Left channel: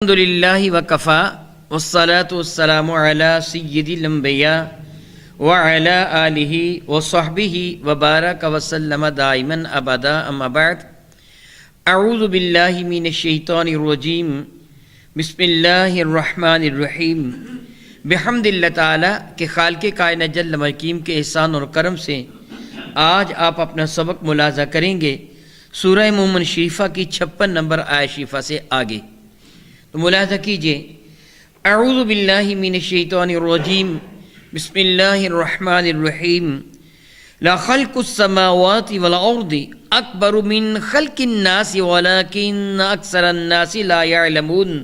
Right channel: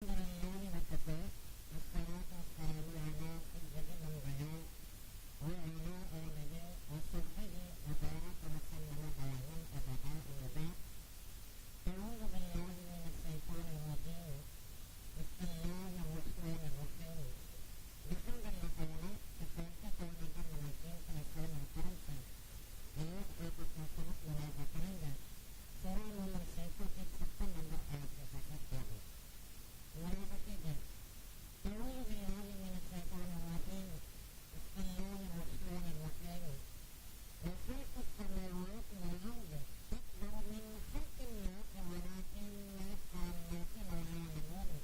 الحمدللہ وکفا والصلاة والسلام علی سید الانبیاء وعلی آلہ وصحبہ وبارک وسلم دائما ابدا اما بعد اعوذ باللہ من الشیطان الرجیم بسم اللہ الرحمن الرحیم بحمد اللہ تعالی کے خالق کائنات جل مقیم کے احسان اور کرم سے آج آپ اپنا سبق ملاحظہ کریں گے سورہ مومن شریفہ کی 56 نمبر آیت شریفہ سے آگے۔ تو ملاحظہ کیجئے، اعوذ باللہ من الشیطان الرجیم بسم اللہ الرحمن الرحیم لا خلق السماوات والارض اکبر من خلق الناس ولکن اکثر الناس لا يعلمون۔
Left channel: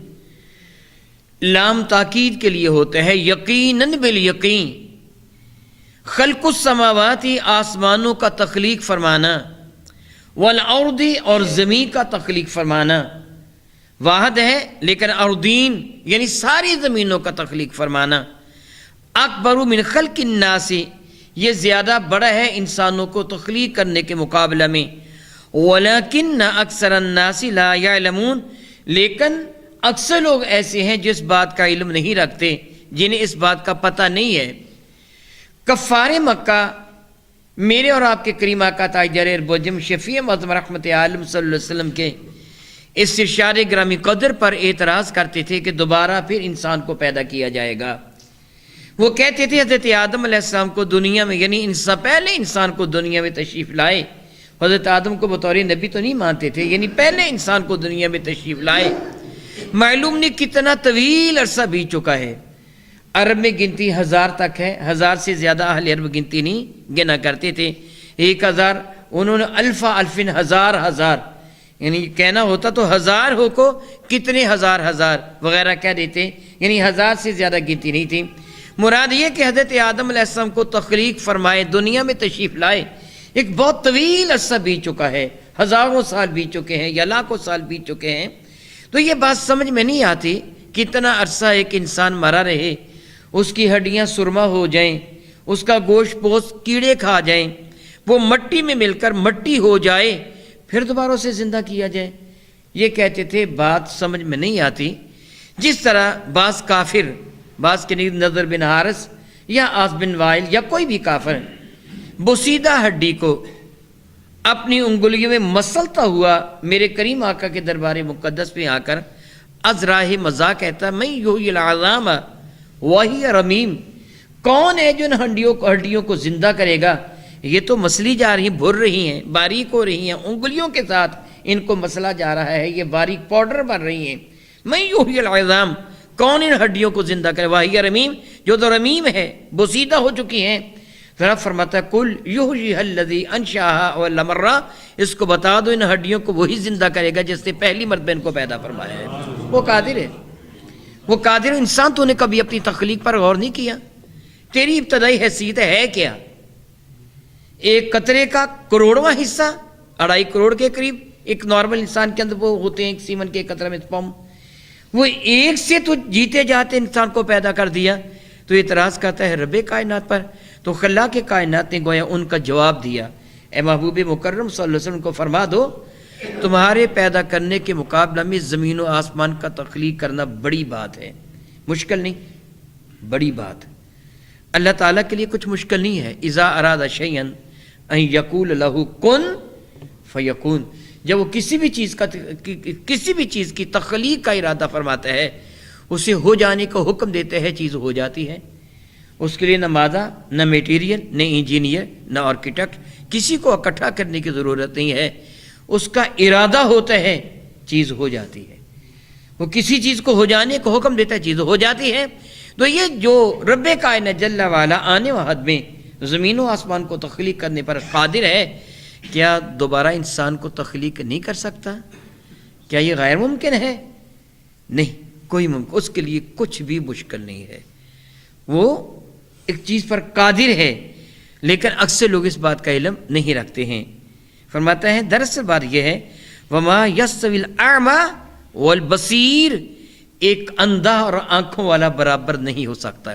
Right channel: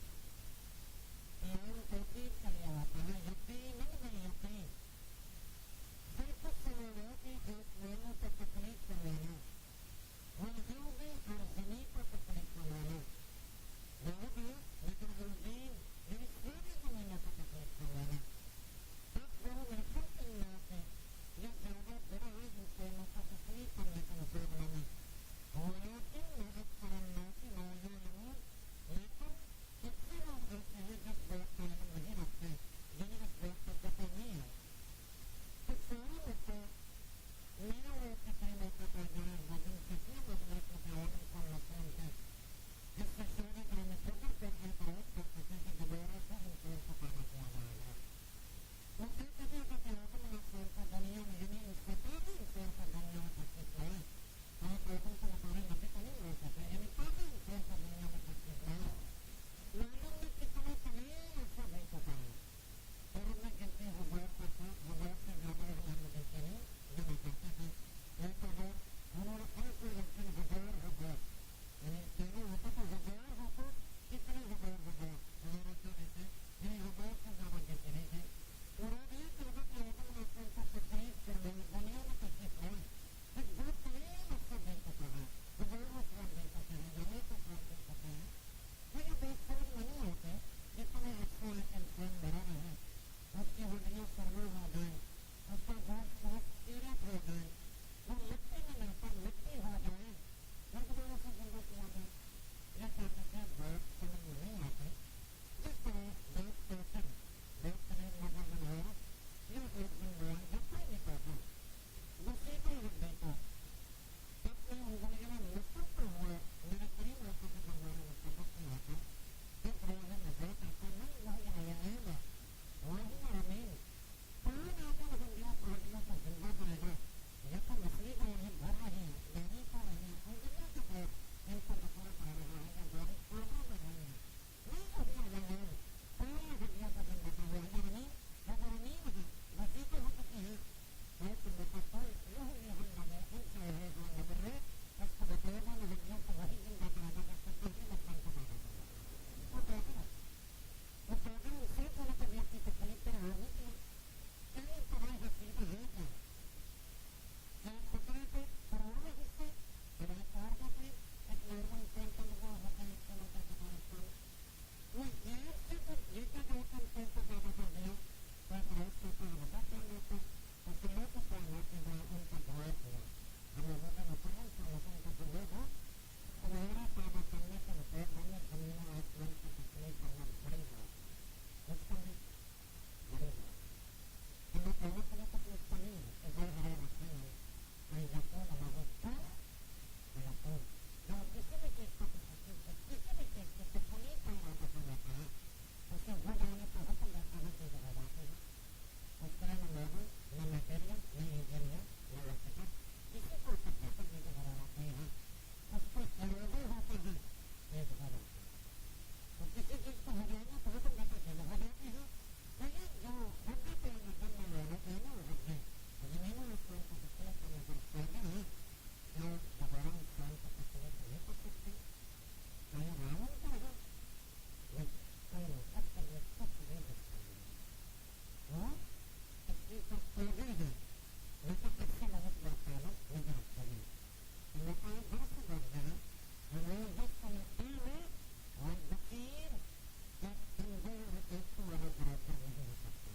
لام تاکید کے لیے ہوتا ہے، یقیناً بالیقین خلق السماوات آسمانوں کا تخلیق فرمانا، والارض اور زمین کا تخلیق فرمانا واحد ہے، لیکن اردین یعنی ساری زمینوں کا تخلیق فرمانا، اکبر من خلق الناس یہ زیادہ بڑا ہے انسانوں کو تخلیق کرنے کے مقابلہ میں، ولیکن اکثر الناس لا یعلمون لیکن اکثر لوگ ایسے ہیں جس بات کا علم نہیں رکھتے، جنہیں اس بات کا پتہ نہیں ہے۔ کفار مکہ میرے اور آپ کے کریم آقا تاجدار اربجم شفیع معظم رحمت عالم صلی اللہ علیہ وسلم کے اس ارشاد گرامی قدر پر اعتراض کرتے تھے کہ دوبارہ پھر انسان کو پیدا کیا جائے گا۔ وہ کہتے تھے حضرت آدم علیہ السلام کو دنیا میں یعنی پہلے انسان کو دنیا میں تشریف لائے، حضرت آدم کو بطور نبی تو نہیں مانتے تھے، یعنی پہلے انسان کو دنیا میں تشریف لائے۔ معلوم نہیں کتنا طویل عرصہ بیت چکا ہے، عرب میں گنتی 1000 تک ہے، 1000 سے زیادہ اہل عرب گنتی نہیں گنا کرتے تھے، 1000 انہوں نے الفا الفن ہزار یعنی کہنا ہوتا تو 1000 ہو کو کتنے ہزار وغیرہ کہہ دیتے، یعنی 1000 سے زیادہ گنتی نہیں تھی۔ مراد یہ کہ حضرت آدم علیہ السلام کو تخلیق فرمائے، دنیا میں تشریف لائے، ایک بہت طویل عرصہ بیت چکا ہے، ہزاروں سال بیت چکے ہیں یا لاکھوں سال بیت چکے ہیں۔ تو یہ بات سمجھ میں نہیں آتی، کتنا عرصہ ایک انسان مرا رہے، اس کی ہڈیاں سرما ہو جائیں، اس کا گوشت پوست کیڑے کھا جائیں، وہ مٹی میں مل کر مٹی ہو جائے، پھر دوبارہ سے زندہ کیا جائے۔ یہ کہتے تھے بات سمجھ میں نہیں آتی۔ جس طرح بعض کافر، بعض کے نظر بن حارث یا آس بن وائل یا کوئی بھی کافر بوسیدہ ہڈی کو اپنی انگلیوں میں مسلتا ہوا میرے کریم آقا کے دربار مقدس پہ آ کر از راہ مذاق کہتا میں یحیی العظام وہی رمیم، کون ہے جو ان ہڈیوں کو زندہ کرے گا؟ یہ تو مسلی جا رہی ہیں، بھر رہی ہیں، باریک ہو رہی ہیں، انگلیوں کے ساتھ ان کو مسلا جا رہا ہے، یہ باریک پاؤڈر بن رہی ہیں۔ میں یحیی العظام، کون ان ہڈیوں کو زندہ کرے؟ وہی رمیم، جو تو رمیم ہے، بوسیدہ ہو چکی ہیں۔ ذرا فرماتا ہے کل یحییھا الذی انشأھا اول مرہ، اس کو بتا دو ان ہڈیوں کو وہی زندہ کرے گا جس نے پہلی مرتبہ ان کو پیدا فرمایا ہے۔ وہ قادر ہے، وہ قادر ہے۔ انسان تو نے کبھی اپنی تخلیق پر غور نہیں کیا؟ تیری ابتدائی حیثیت ہے کیا؟ ایک قطرے کا کروڑواں حصہ، 2.5 کروڑ کے قریب ایک نارمل انسان کے اندر وہ ہوتے ہیں، ایک سیمن کے قطرے میں سپرم، وہ ایک سے تو جیتے جاتے انسان کو پیدا کر دیا۔ تو اعتراض کرتا ہے رب کائنات پر، تو خلاق کائنات نے گویا ان کا جواب دیا، اے محبوب مکرم صلی اللہ علیہ وسلم کو فرما دو تمہارے پیدا کرنے کے مقابلہ میں زمین و آسمان کا تخلیق کرنا بڑی بات ہے، مشکل نہیں، بڑی بات۔ اللہ تعالیٰ کے لیے کچھ مشکل نہیں ہے۔ اذا اراد شیئا ان یقول لہ کن فیکون، جب وہ کسی بھی چیز کی تخلیق کا ارادہ فرماتا ہے، اسے ہو جانے کا حکم دیتا ہے، چیز ہو جاتی ہے۔ اس کے لیے نہ مادہ، نہ میٹیریل، نہ انجینئر، نہ آرکیٹیکٹ، کسی کو اکٹھا کرنے کی ضرورت نہیں ہے، اس کا ارادہ ہوتا ہے، چیز ہو جاتی ہے۔ وہ کسی چیز کو ہو جانے کا حکم دیتا ہے، چیز ہو جاتی ہے۔ تو یہ جو رب کائنات جل والا آنے و حد میں زمین و آسمان کو تخلیق کرنے پر قادر ہے، کیا دوبارہ انسان کو تخلیق نہیں کر سکتا؟ کیا یہ غیر ممکن ہے؟ نہیں، کوئی ممکن، اس کے لیے کچھ بھی مشکل نہیں ہے۔ وہ ایک چیز پر قادر ہے، لیکن اکثر لوگ اس بات کا علم نہیں رکھتے ہیں۔ فرماتا ہے دراصل بات یہ ہے وما یستوی الاعمی والبصیر، ایک اندھا اور آنکھوں والا برابر نہیں ہو سکتا۔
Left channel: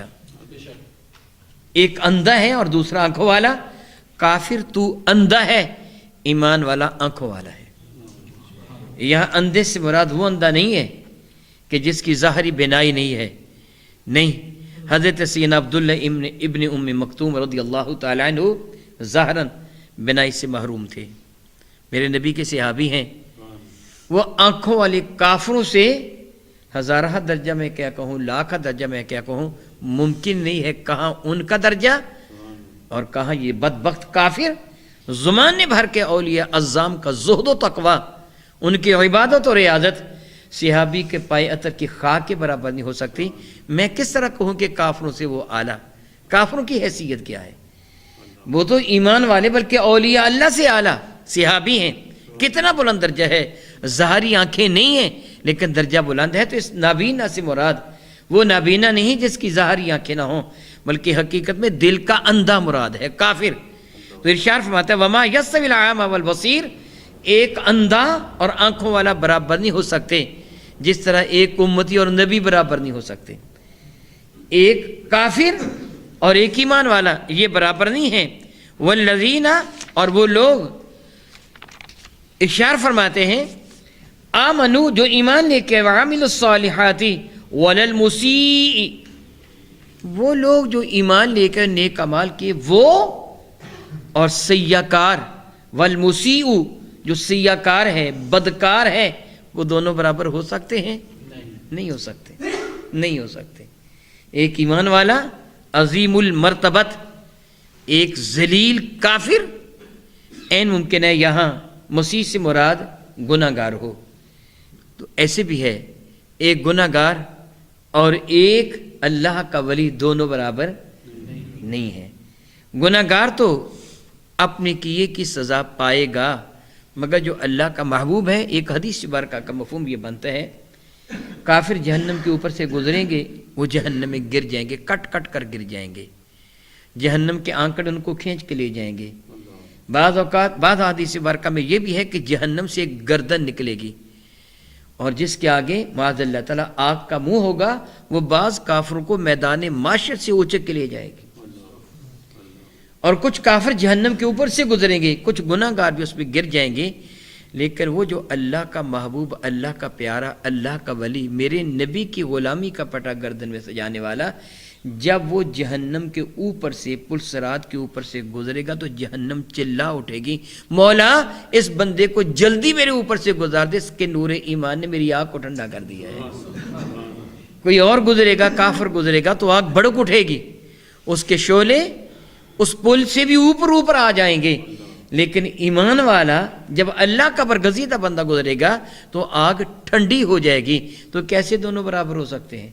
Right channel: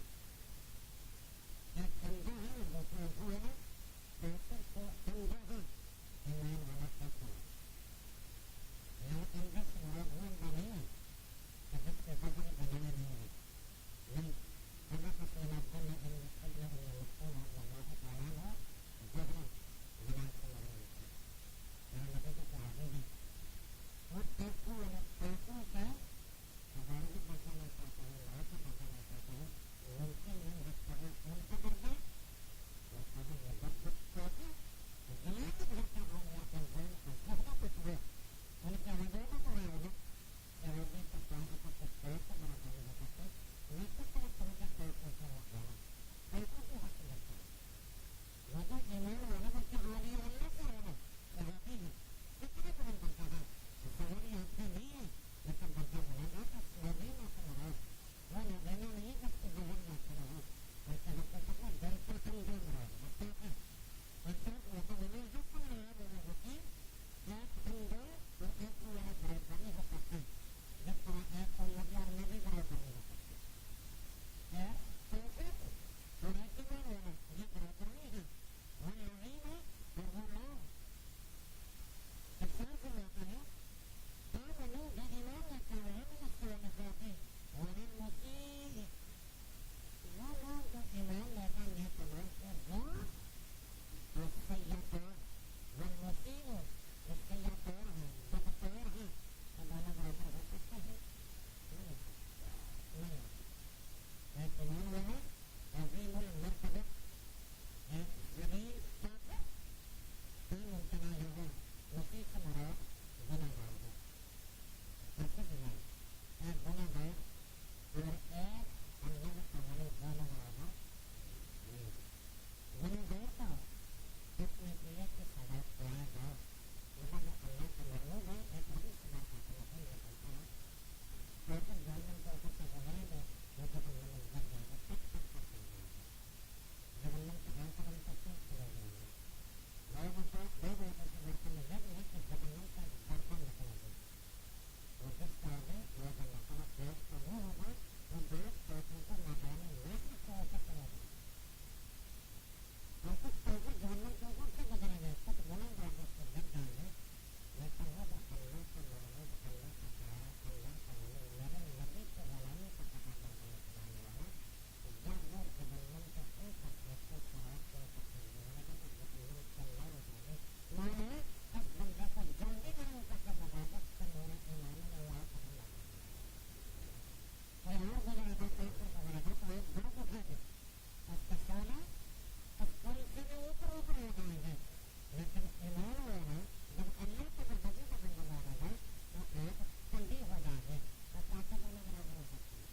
ایک اندھا ہے اور دوسرا آنکھوں والا۔ کافر تو اندھا ہے، ایمان والا آنکھوں والا ہے۔ یہاں اندھے سے مراد وہ اندھا نہیں ہے کہ جس کی ظاہری بینائی نہیں ہے، نہیں، حضرت سیدنا عبداللہ ابن ام مکتوم رضی اللہ تعالیٰ عنہ ظاہراً بینائی سے محروم تھے، میرے نبی کے صحابی ہیں، وہ آنکھوں والے کافروں سے ہزارہ درجہ میں کیا کہوں، لاکھ درجہ میں کیا کہوں، ممکن نہیں ہے کہاں ان کا درجہ اور کہاں یہ بدبخت کافر زمانے بھر کے اولیاء اعظام کا زہد و تقوی، ان کی عبادت اور ریاضت صحابی کے پائے عطر کی خاک کے برابر نہیں ہو سکتی۔ میں کس طرح کہوں کہ کافروں سے وہ اعلیٰ؟ کافروں کی حیثیت کیا ہے؟ وہ تو ایمان والے بلکہ اولیاء اللہ سے اعلیٰ صحابی ہیں، کتنا بلند درجہ ہے، ظاہری آنکھیں نہیں ہیں لیکن درجہ بلند ہے۔ تو اس نابینا سے مراد وہ نابینا نہیں جس کی ظاہری آنکھیں نہ ہوں، بلکہ حقیقت میں دل کا اندھا مراد ہے کافر۔ تو ارشاد فرماتا ہے وما یستوی الاعمی والبصیر، ایک اندھا اور آنکھوں والا برابر نہیں ہو سکتے، جس طرح ایک امتی اور نبی برابر نہیں ہو سکتے۔ ایک کافر اور ایک ایمان والا یہ برابر نہیں ہیں۔ والذین، اور وہ لوگ ارشاد فرماتے ہیں آمنو، جو ایمان لے کے، وعملوا الصالحات وللمسیء، وہ لوگ جو ایمان لے کر نیک اعمال کیے وہ، اور سیاہ کار، والمسیء، جو سیاہ کار ہے، بدکار ہے، وہ دونوں برابر ہو سکتے ہیں؟ نہیں ہو سکتے، نہیں ہو سکتے۔ ایک ایمان والا عظیم المرتبت، ایک ذلیل کافر، این ممکن ہے یہاں مسیح سے مراد گناہ گار ہو، تو ایسے بھی ہے ایک گناہ گار اور ایک اللہ کا ولی، دونوں برابر نہیں ہے۔ گناہ گار تو اپنے کیے کی سزا پائے گا، مگر جو اللہ کا محبوب ہے، ایک حدیث مبارکہ کا مفہوم یہ بنتا ہے، کافر جہنم کے اوپر سے گزریں گے، وہ جہنم میں گر جائیں گے، کٹ کٹ کر گر جائیں گے، جہنم کے آنکڑ ان کو کھینچ کے لے جائیں گے۔ بعض اوقات بعض حدیث مبارکہ میں یہ بھی ہے کہ جہنم سے ایک گردن نکلے گی، اور جس کے آگے معاذ اللہ تعالیٰ آگ کا منہ ہوگا، وہ بعض کافروں کو میدان معاشر سے اونچک کے لے جائے گی، اور کچھ کافر جہنم کے اوپر سے گزریں گے، کچھ گناہ گار بھی اس پہ گر جائیں گے، لیکن وہ جو اللہ کا محبوب، اللہ کا پیارا، اللہ کا ولی، میرے نبی کی غلامی کا پٹا گردن میں سجانے والا، جب وہ جہنم کے اوپر سے، پل صراط کے اوپر سے گزرے گا تو جہنم چلا اٹھے گی، مولا اس بندے کو جلدی میرے اوپر سے گزار دے، اس کے نور ایمان نے میری آگ کو ٹھنڈا کر دیا ہے۔ کوئی اور گزرے گا، کافر گزرے گا تو آگ بھڑک اٹھے گی، اس کے شعلے اس پل سے بھی اوپر آ جائیں گے، لیکن ایمان والا جب اللہ کا برگزیدہ بندہ گزرے گا تو آگ ٹھنڈی ہو جائے گی۔ تو کیسے دونوں برابر ہو سکتے ہیں؟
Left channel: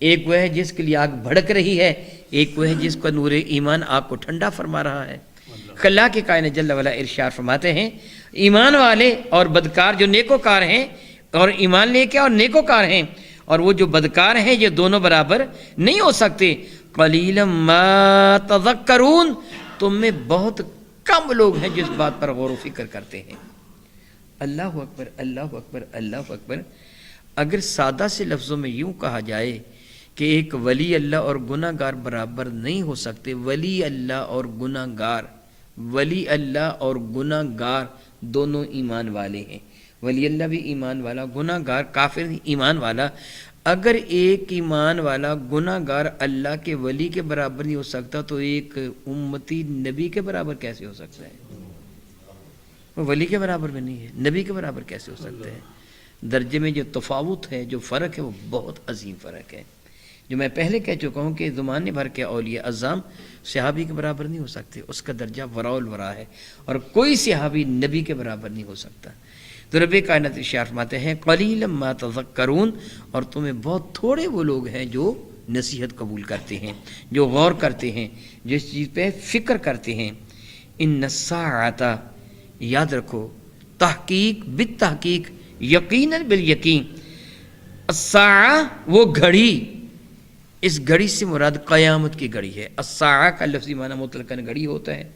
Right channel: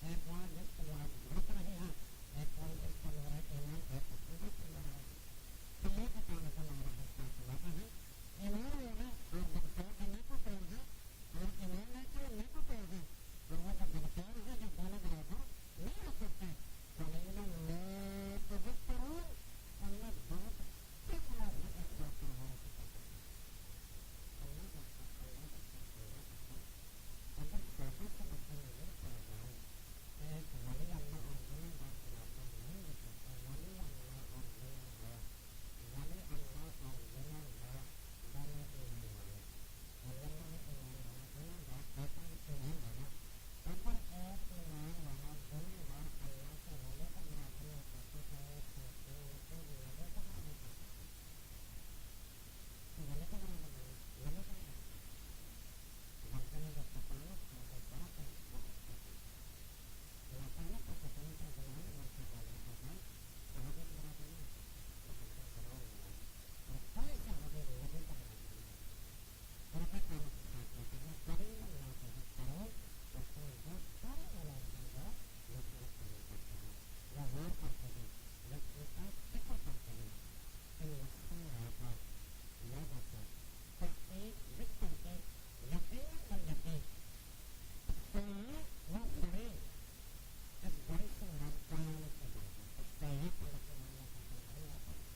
ایک وہ ہے جس کے لیے آگ بھڑک رہی ہے، ایک وہ ہے جس کا نور ایمان آگ کو ٹھنڈا فرما رہا ہے۔ اللہ کے کائنات جل وعلا ارشاد فرماتے ہیں ایمان والے اور بدکار جو نیکوکار ہیں، اور ایمان لے کے اور نیکوکار ہیں، اور وہ جو بدکار ہیں، یہ دونوں برابر نہیں ہو سکتے۔ قلیلا ما تذکرون، تم میں بہت کم لوگ ہیں جس بات پر غور و فکر کرتے ہیں۔ اللہ اکبر، اللہ اکبر، اللہ اکبر۔ اگر سادہ سے لفظوں میں یوں کہا جائے کہ ایک ولی اللہ اور گناہ گار برابر نہیں ہو سکتے، ولی اللہ اور گناہ گار، ولی اللہ اور گناہ گار دونوں ایمان والے ہیں، ولی اللہ بھی ایمان والا، گناہ گار کافر ایمان والا۔ اگر ایک ایمان والا گناہ گار اللہ کے ولی کے برابر نہیں ہو سکتا تو ایک امتی نبی کے برابر کیسے ہو سکتا ہے؟ وہ ولی کے برابر بھی نہیں ہے، نبی کے برابر کیسے ہو سکتا ہے؟ درجے میں جو تفاوت ہے، جو فرق ہے، وہ بہت عظیم فرق ہے، جو میں پہلے کہہ چکا ہوں کہ زمانے بھر کے اولیاء اعظام صحابی کے برابر نہیں ہو سکتے، اس کا درجہ وراء الورا ہے، اور کوئی صحابی نبی کے برابر نہیں ہو سکتا۔ تو رب کائنات ارشاد فرماتے ہیں قلیلا ما تذکرون، اور تمہیں بہت تھوڑے وہ لوگ ہیں جو نصیحت قبول کرتے ہیں، جو غور کرتے ہیں، جس چیز پہ فکر کرتے ہیں۔ ان الساعۃ، یاد رکھو، تحقیق بالتحقیق، یقیناً بالیقین، الساعہ وہ گھڑی، اس گھڑی سے مراد قیامت کی گھڑی ہے۔ الساعہ کا لفظی معنی مطلقاً گھڑی ہوتا ہے،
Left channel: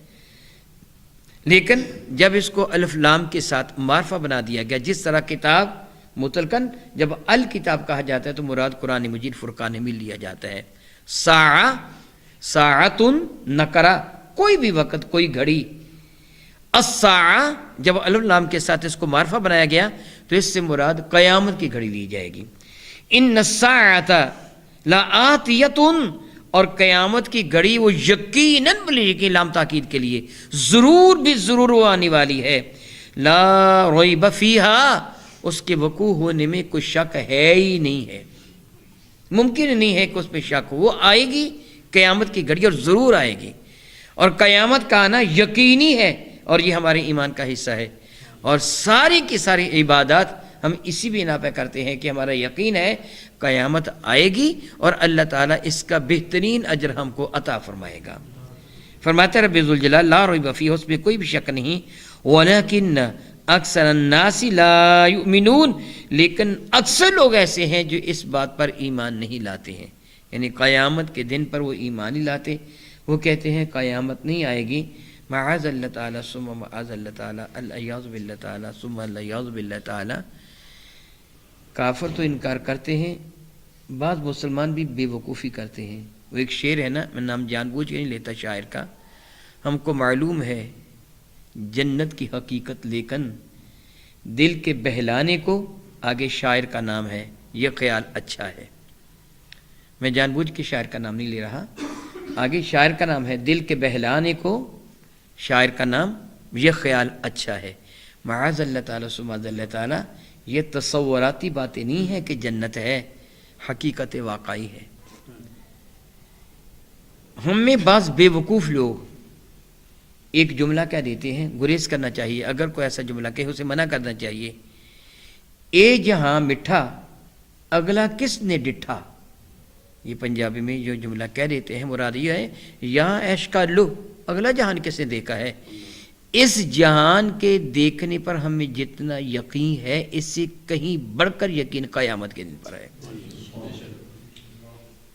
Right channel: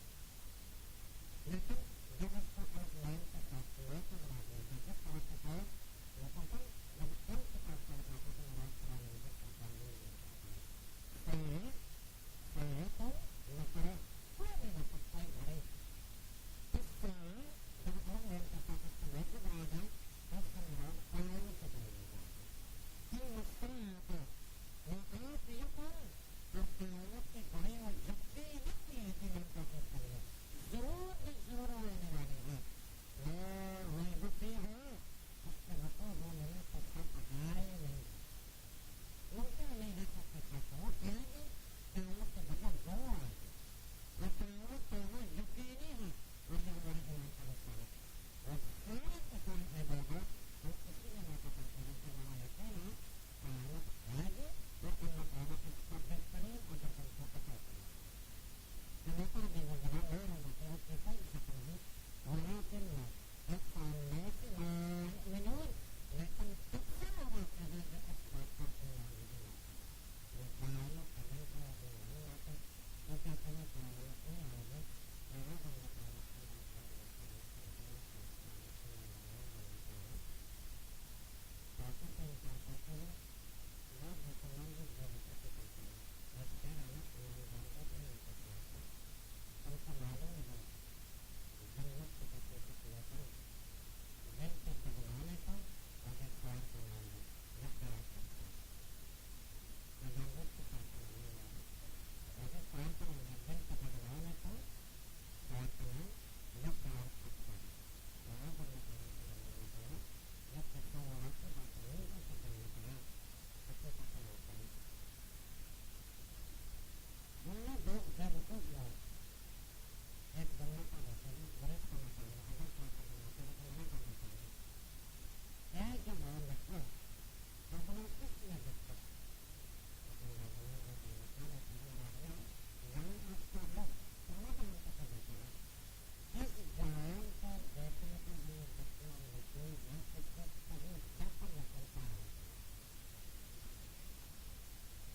لیکن جب اس کو الف لام کے ساتھ معرفہ بنا دیا گیا، جس طرح کتاب مطلقاً جب الکتاب کہا جاتا ہے تو مراد قرآن مجید فرقان حمید لیا جاتا ہے۔ ساعہ، ساعتن نکرہ، کوئی بھی وقت، کوئی گھڑی۔ الساعہ جب الف لام کے ساتھ اس کو معرفہ بنایا گیا تو اس سے مراد قیامت کی گھڑی لی جائے گی۔ ان الساعۃ لآتیۃ، اور قیامت کی گھڑی وہ یقیناً بلی لام تاکید کے لیے ضرور بھی ضرور وہ آنے والی ہے، لا ریب فیہا، اس کے وقوع ہونے میں کوئی شک ہے ہی نہیں ہے، ممکن نہیں ہے کہ اس میں شک ہو، وہ آئے گی قیامت کی گھڑی اور ضرور آئے گی، اور قیامت کا آنا یقینی ہے، اور یہ ہمارے ایمان کا حصہ ہے، اور ساری کی ساری عبادات ہم اسی بنا پہ کرتے ہیں کہ ہمارا یقین ہے قیامت آئے گی اور اللہ تعالیٰ اس کا بہترین اجر ہم کو عطا فرمائے گا۔ فرماتے رب ذوالجلال لا ریب فیہ، اس میں کوئی بھی شک نہیں، ولیکن اکثر الناس لا یؤمنون، لیکن اکثر لوگ ایسے ہیں جو اس بات پر ایمان نہیں لاتے ہیں، یعنی قیامت کے دن پر وہ ایمان نہیں لاتے، وہ کہتے ہیں قیامت نہیں آئے گی، معاذ اللہ تعالیٰ ثم معاذ اللہ تعالیٰ، الیاذ باللہ تعالیٰ ثم الیاذ باللہ تعالیٰ۔ کافر تو انکار کرتے ہیں، بعض مسلمان بھی بے وقوفی کرتے ہیں۔ وہ ایک شعر ہے نا، میں نام جان بوجھ کے نہیں لیتا شاعر کا، ہم کو معلوم ہے جنت کی حقیقت لیکن دل کے بہلانے کو، آگے شاعر کا نام ہے یہ خیال اچھا ہے، میں جان بوجھ کے شاعر کا نام نہیں لے رہا، آگے شاعر کا نام ہے دل کے بہلانے کو، شاعر کا نام یہ خیال اچھا ہے، معاذ اللہ تعالیٰ ثم معاذ اللہ تعالیٰ۔ یہ تصوراتی باتیں نہیں ہیں کہ جنت ہے، حقیقت واقعی ہے۔ ہم میں بعض بے وقوف لوگ ایک جملہ کیا دیتے ہیں، گریز کرنا چاہیے، اگر کوئی ایسا جملہ کہے اسے منع کرنا چاہیے، اے جہاں مٹھا اگلا کس نے ڈٹھا، یہ پنجابی میں جو جملہ کہہ دیتے ہیں مراد یہ ہے یہاں عیش کا لو، اگلا جہان کس نے دیکھا ہے، اس جہان کے دیکھنے پر ہمیں جتنا یقین ہے اس سے کہیں بڑھ کر یقین قیامت کے دن پر ہے۔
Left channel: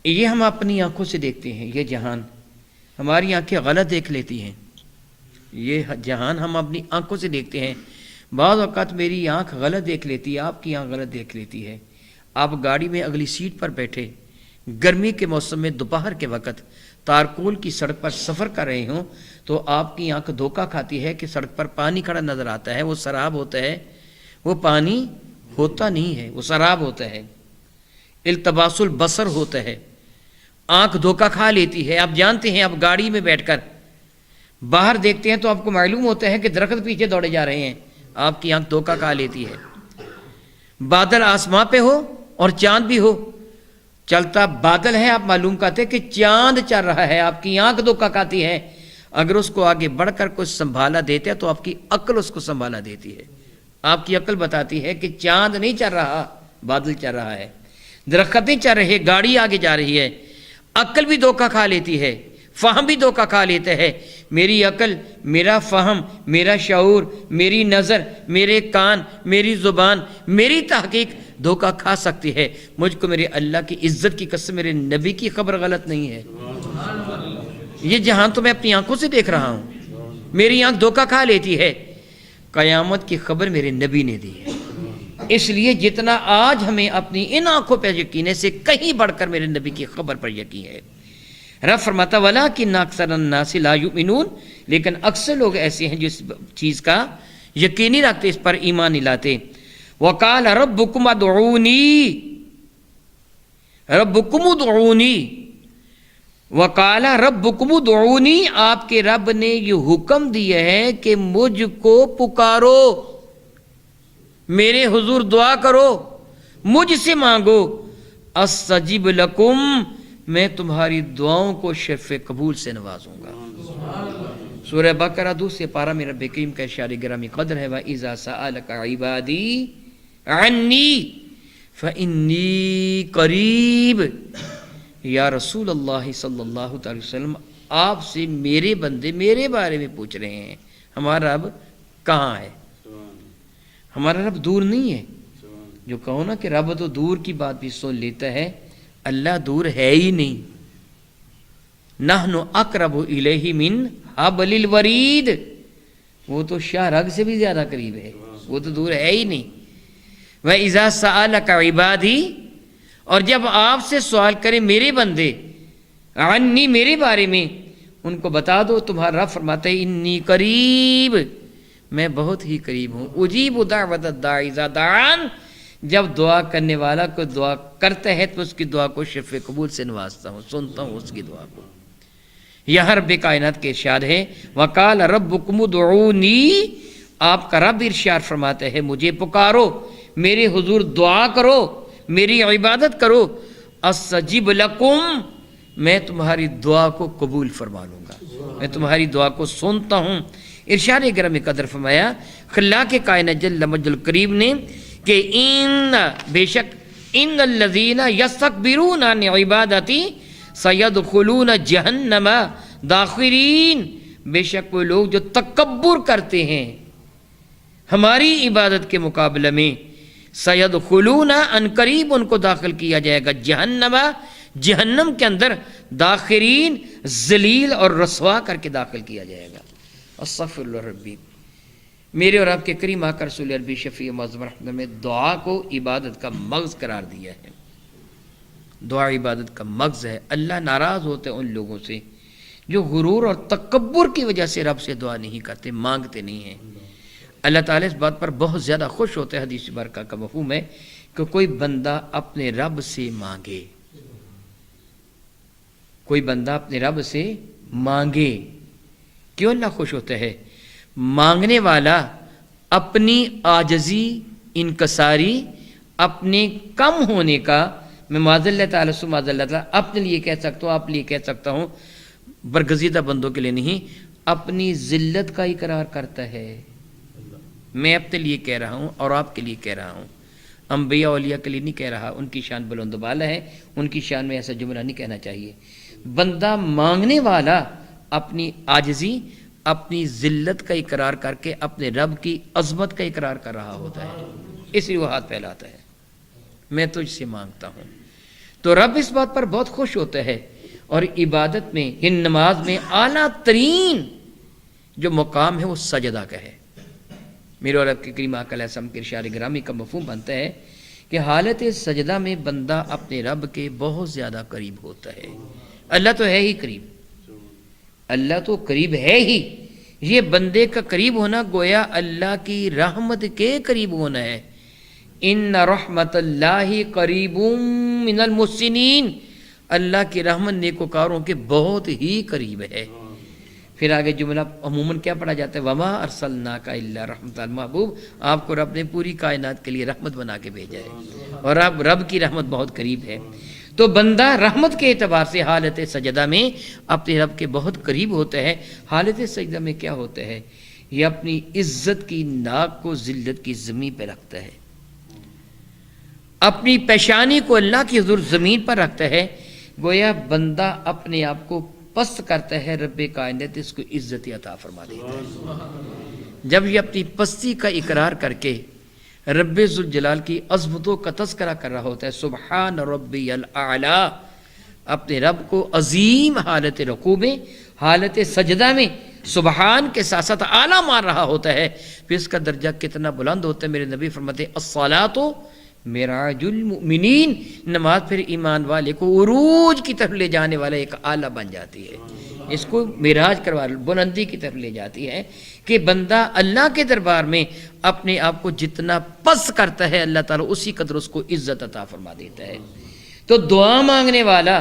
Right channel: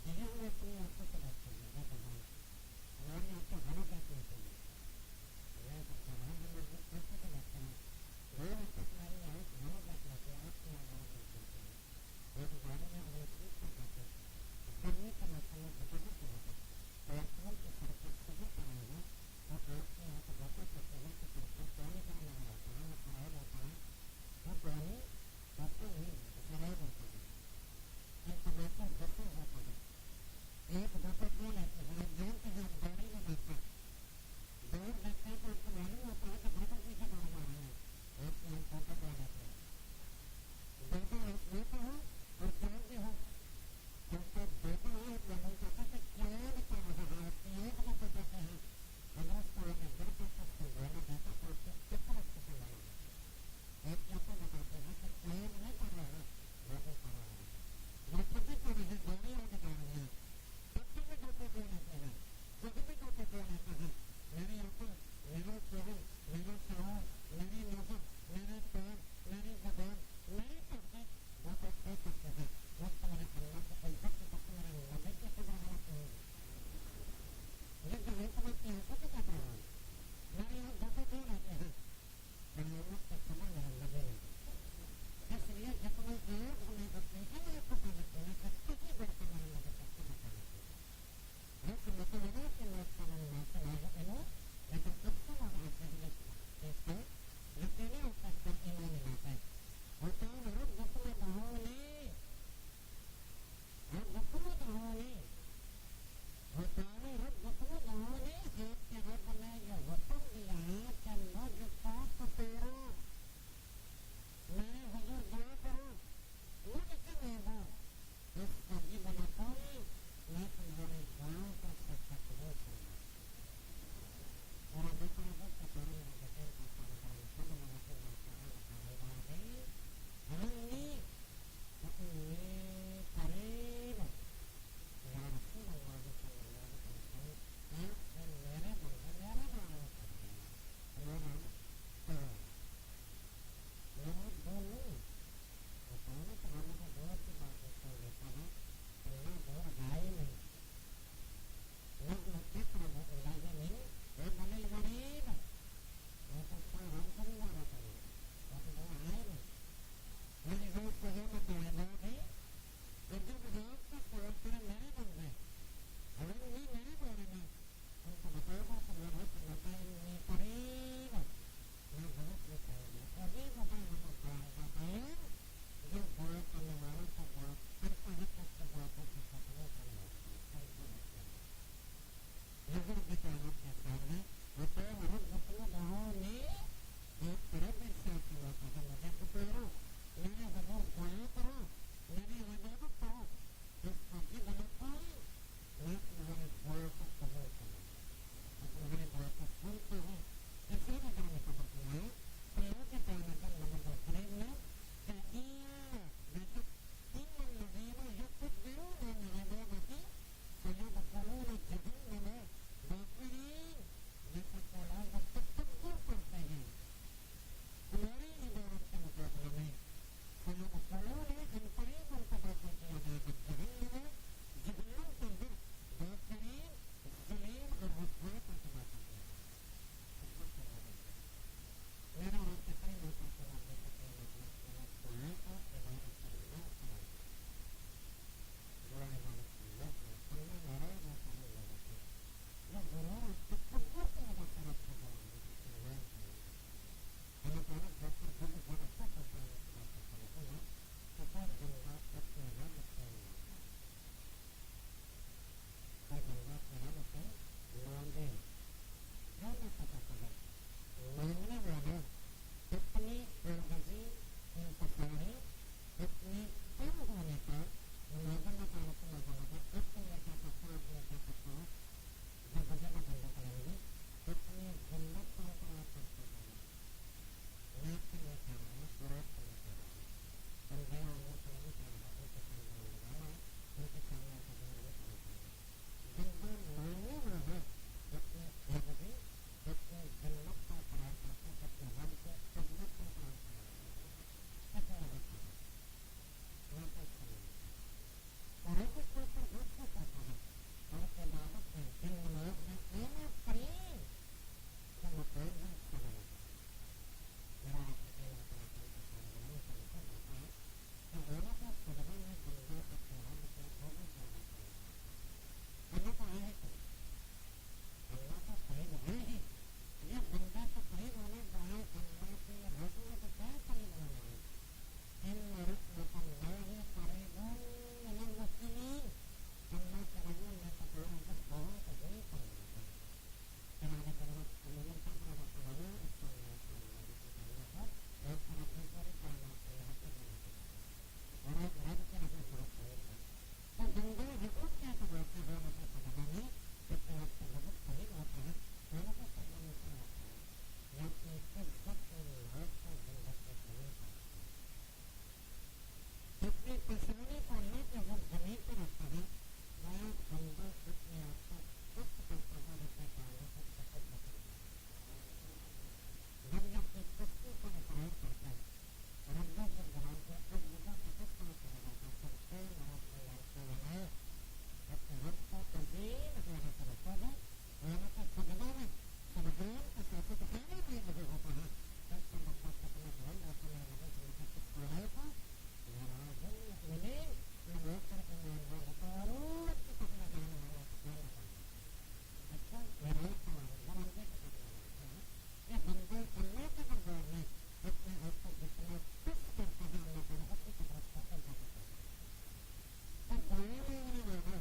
یہ ہم اپنی آنکھوں سے دیکھتے ہیں، یہ جہان ہماری آنکھیں غلط دیکھ لیتی ہیں، یہ جہان ہم اپنی آنکھوں سے دیکھتے ہیں، بعض اوقات میری آنکھ غلط دیکھ لیتی ہے، آپ کی آنکھ غلط دیکھ لیتی ہے۔ آپ گاڑی میں اگلی سیٹ پر بیٹھے، گرمی کے موسم میں دوپہر کے وقت تارکول کی سڑک پر سفر کر رہے ہوں تو آپ کی آنکھ دھوکہ کھاتی ہے کہ سڑک پر پانی کھڑا نظر آتا ہے، وہ سراب ہوتا ہے، وہ پانی ہوتا نہیں ہے، وہ سراب ہوتا ہے، التباس البصر ہوتا ہے، آنکھ دھوکہ کھا لیتی ہے۔ آپ جانتے ہیں، آپ گاڑی میں بیٹھ کر باہر دیکھتے ہیں تو آپ کو معلوم ہوتا ہے کہ درخت پیچھے دوڑے جا رہے ہیں، آپ کی آنکھ دھوکہ کھا لیتی ہے۔ بادل آسمان پہ ہو اور چاند بھی ہو، چلتا بادل ہے، آپ معلوم کرتے کہ چاند چل رہا ہے، آپ کی آنکھ دھوکہ کھاتی ہے۔ اگر اس کو آگے بڑھ کر کچھ سنبھالا دیتے ہیں تو آپ کی عقل اس کو سنبھالا دیتی ہے، آپ کی عقل بتاتی ہے کہ چاند نہیں چل رہا، بادل چل رہا ہے، درخت نہیں چل رہے، گاڑی آگے جا رہی ہے۔ عقل بھی دھوکہ کھا لیتی ہے، فہم بھی دھوکہ کھا لیتا ہے۔ میری عقل، میرا فہم، میرا شعور، میری نظر، میرے کان، میری زبان، میری تحقیق دھوکہ کھا سکتی ہے، مجھ کو میرے اللہ کی عزت کی قسم میرے نبی کی خبر غلط نہیں ہے۔ یہ جہان تو میں اپنی آنکھوں سے دیکھ رہا ہوں، میری آنکھ دھوکہ کھا لیتی ہے، قیامت کی خبر میرے نبی نے دی ہے۔ اس لیے جتنا آج ہمیں اپنی ان آنکھوں پہ یقین ہے سے کہیں بڑھ کر میرے نبی کی خبر پر یقین ہے۔ رب فرماتا وَلَٰكِنَّ أَكْثَرَ النَّاسِ لَا يُؤْمِنُونَ، لیکن اکثر لوگ ایسے ہیں جو اس چیز کا یقین نہیں رکھتے، اس پر ایمان نہیں لاتے۔ وَقَالَ رَبُّكُمْ ادْعُونِي، رَبُّكُمْ ادْعُونِي، وَقَالَ رَبُّكُمْ ادْعُونِي، آپ کے رب نے یہ حکم دیا ہے کہ مجھ کو پکارو، میرے حضور دعا کرو، مجھ سے مانگو، استجب لکم، میں تمہاری دعاؤں کو شرف قبول سے نوازوں گا۔ سورہ بقرہ دوسرے پارہ میں رب کریم کا ارشاد گرامی قدر ہے وَإِذَا سَأَلَكَ عِبَادِي عَنِّي فَإِنِّي قَرِيبٌ، یا رسول اللہ صلی اللہ علیہ وسلم، آپ سے میرے بندے میرے بارے میں پوچھ رہے ہیں، ہمارا رب کہاں ہے؟ ہمارا رب دور نہیں ہے۔ جو کہو نا کہ رب تو دور کی بات بھی سن لیتا ہے، اللہ دور ہے ہی نہیں۔ نحن اقرب الیہ من حبل الورید، وہ تو شاہ رگ سے بھی زیادہ قریب ہے، وہ تو دور ہے ہی نہیں۔ وَإِذَا سَأَلَكَ عِبَادِي، اور جب آپ سے سوال کرے میرے بندے، عنی، میرے بارے میں، ان کو بتا دو، تمہارا رب فرماتا ہے انی قریب، میں بہت ہی قریب ہوں، اجیب دعوت الداعی اذا دعان، جب دعا کرنے والا کو دعا کرتا ہے تو اس کی دعا کو شفع قبول سے نوازتا ہوں، سنتا ہوں اس کی دعا کو۔ یہاں رب کائنات کے ارشاد ہے وقال ربکم ادعونی، آپ کا رب ارشاد فرماتا ہے مجھے پکارو، میرے حضور دعا کرو، میری عبادت کرو، استجب لکم، میں تمہاری دعا کو قبول فرما لوں گا، میں تمہاری دعا کو سنتا ہوں۔ ارشاد گرامی قدر فرمایا خلاق کائنات جل مجد الکریم نے کہ بے شک ان الذین یستکبرون عن عبادتی سیدخلون جہنم داخرین، بے شک وہ لوگ جو تکبر کرتے ہیں ہماری عبادت کے مقابلے میں، سیدخلون ان قریب ان کو داخل کیا جائے گا جہنم، جہنم کے اندر، داخرین ذلیل اور رسوا کر کے داخل کیا جائے گا۔ استغفر اللہ ربی۔ میرے اور آپ کے کریم آقا رسول عربی شفیع معظم رحمت میں دعا کو عبادت کا مغز قرار دیا ہے۔ دعا عبادت کا مغز ہے۔ اللہ ناراض ہوتے ہیں ان لوگوں سے جو غرور اور تکبر کی وجہ سے رب سے دعا نہیں کرتے، مانگتے نہیں ہیں۔ اللہ تعالیٰ اس بات پر بہت زیادہ خوش ہوتے ہیں، حدیث مبارکہ کا مفہوم ہے کہ کوئی بندہ اپنے رب سے مانگے، کوئی بندہ اپنے رب سے مانگے۔ کیوں اللہ خوش ہوتا ہے؟ مانگنے والا اپنی عاجزی، انکساری، اپنے کم ہونے کا، میں معاذ اللہ تعالیٰ سے معاذ اللہ تعالیٰ اپنے لیے کہہ سکتا ہوں، آپ لیے کہہ سکتا ہوں، برگزیدہ بندوں کے لیے نہیں، اپنی ذلت کا اقرار کرتا ہے۔ میں اپنے لیے کہہ رہا ہوں اور آپ کے لیے کہہ رہا ہوں، انبیاء اولیاء کے لیے نہیں کہہ رہا، ان کی شان بلند و بالا ہے، ان کی شان میں ایسا جملہ نہیں کہنا چاہیے۔ بندہ مانگنے والا اپنی عاجزی، اپنی ذلت کا اقرار کر کے اپنے رب کی عظمت کا اقرار کر رہا ہوتا ہے، اس لیے وہ ہاتھ پھیلاتا ہے، میں تجھ سے مانگتا ہوں۔ تو رب اس بات پر بہت خوش ہوتا ہے، اور عبادت میں، ہن نماز میں اعلیٰ ترین جو مقام ہے وہ سجدہ کا ہے۔ میرے اور آپ کے کریم آقا علیہ السلام کے ارشاد گرامی کا مفہوم بنتا ہے کہ حالت سجدہ میں بندہ اپنے رب کے بہت زیادہ قریب ہوتا ہے۔ اللہ تو ہے ہی قریب، اللہ تو قریب ہے ہی، یہ بندے کا قریب ہونا گویا اللہ کی رحمت کے قریب ہونا ہے۔ ان رحمت اللہ قریب من المحسنین، اللہ کی رحمت نیکوکاروں کے بہت ہی قریب ہے۔ پھر آگے جملہ عموماً کیا پڑھا جاتا ہے وما ارسلناک الا رحمت المحبوب، آپ کو رب نے پوری کائنات کے لیے رحمت بنا کے بھیجا ہے، اور اب رب کی رحمت بہت قریب ہے۔ تو بندہ رحمت کے اعتبار سے حالت سجدہ میں اپنے رب کے بہت قریب ہوتا ہے۔ حالت سجدہ میں کیا ہوتا ہے؟ یہ اپنی عزت کی ناک کو ذلت کی زمین پہ رکھتا ہے، اپنی پیشانی کو اللہ کی حضور زمین پر رکھتا ہے، گویا بندہ اپنے آپ کو پست کرتا ہے، رب کائنات اس کو عزت عطا فرما دیتا ہے۔ جب یہ اپنی پستی کا اقرار کر کے رب ذوالجلال کی عظمتوں کا تذکرہ کر رہا ہوتا ہے، سبحان ربی الاعلیٰ، اپنے رب کو عظیم حالت رکوع میں، حالت سجدہ میں سبحان کے ساتھ ساتھ اعلیٰ مان رہا ہوتا ہے، پھر اس کا درجہ کتنا بلند ہوتا ہے۔ میرے نبی فرماتے ہیں الصلاۃ معراج المؤمنین، نماز پھر ایمان والے کو عروج کی طرف لے جانے والا ایک آلہ بن جاتی ہے، اس کو معراج کروا بلندی کی طرف لے جاتی ہے، کہ بندہ اللہ کے دربار میں اپنے آپ کو جتنا پست کرتا ہے اللہ تعالیٰ اسی قدر اس کو عزت عطا فرما دیتا ہے۔ تو دعا مانگنے والا،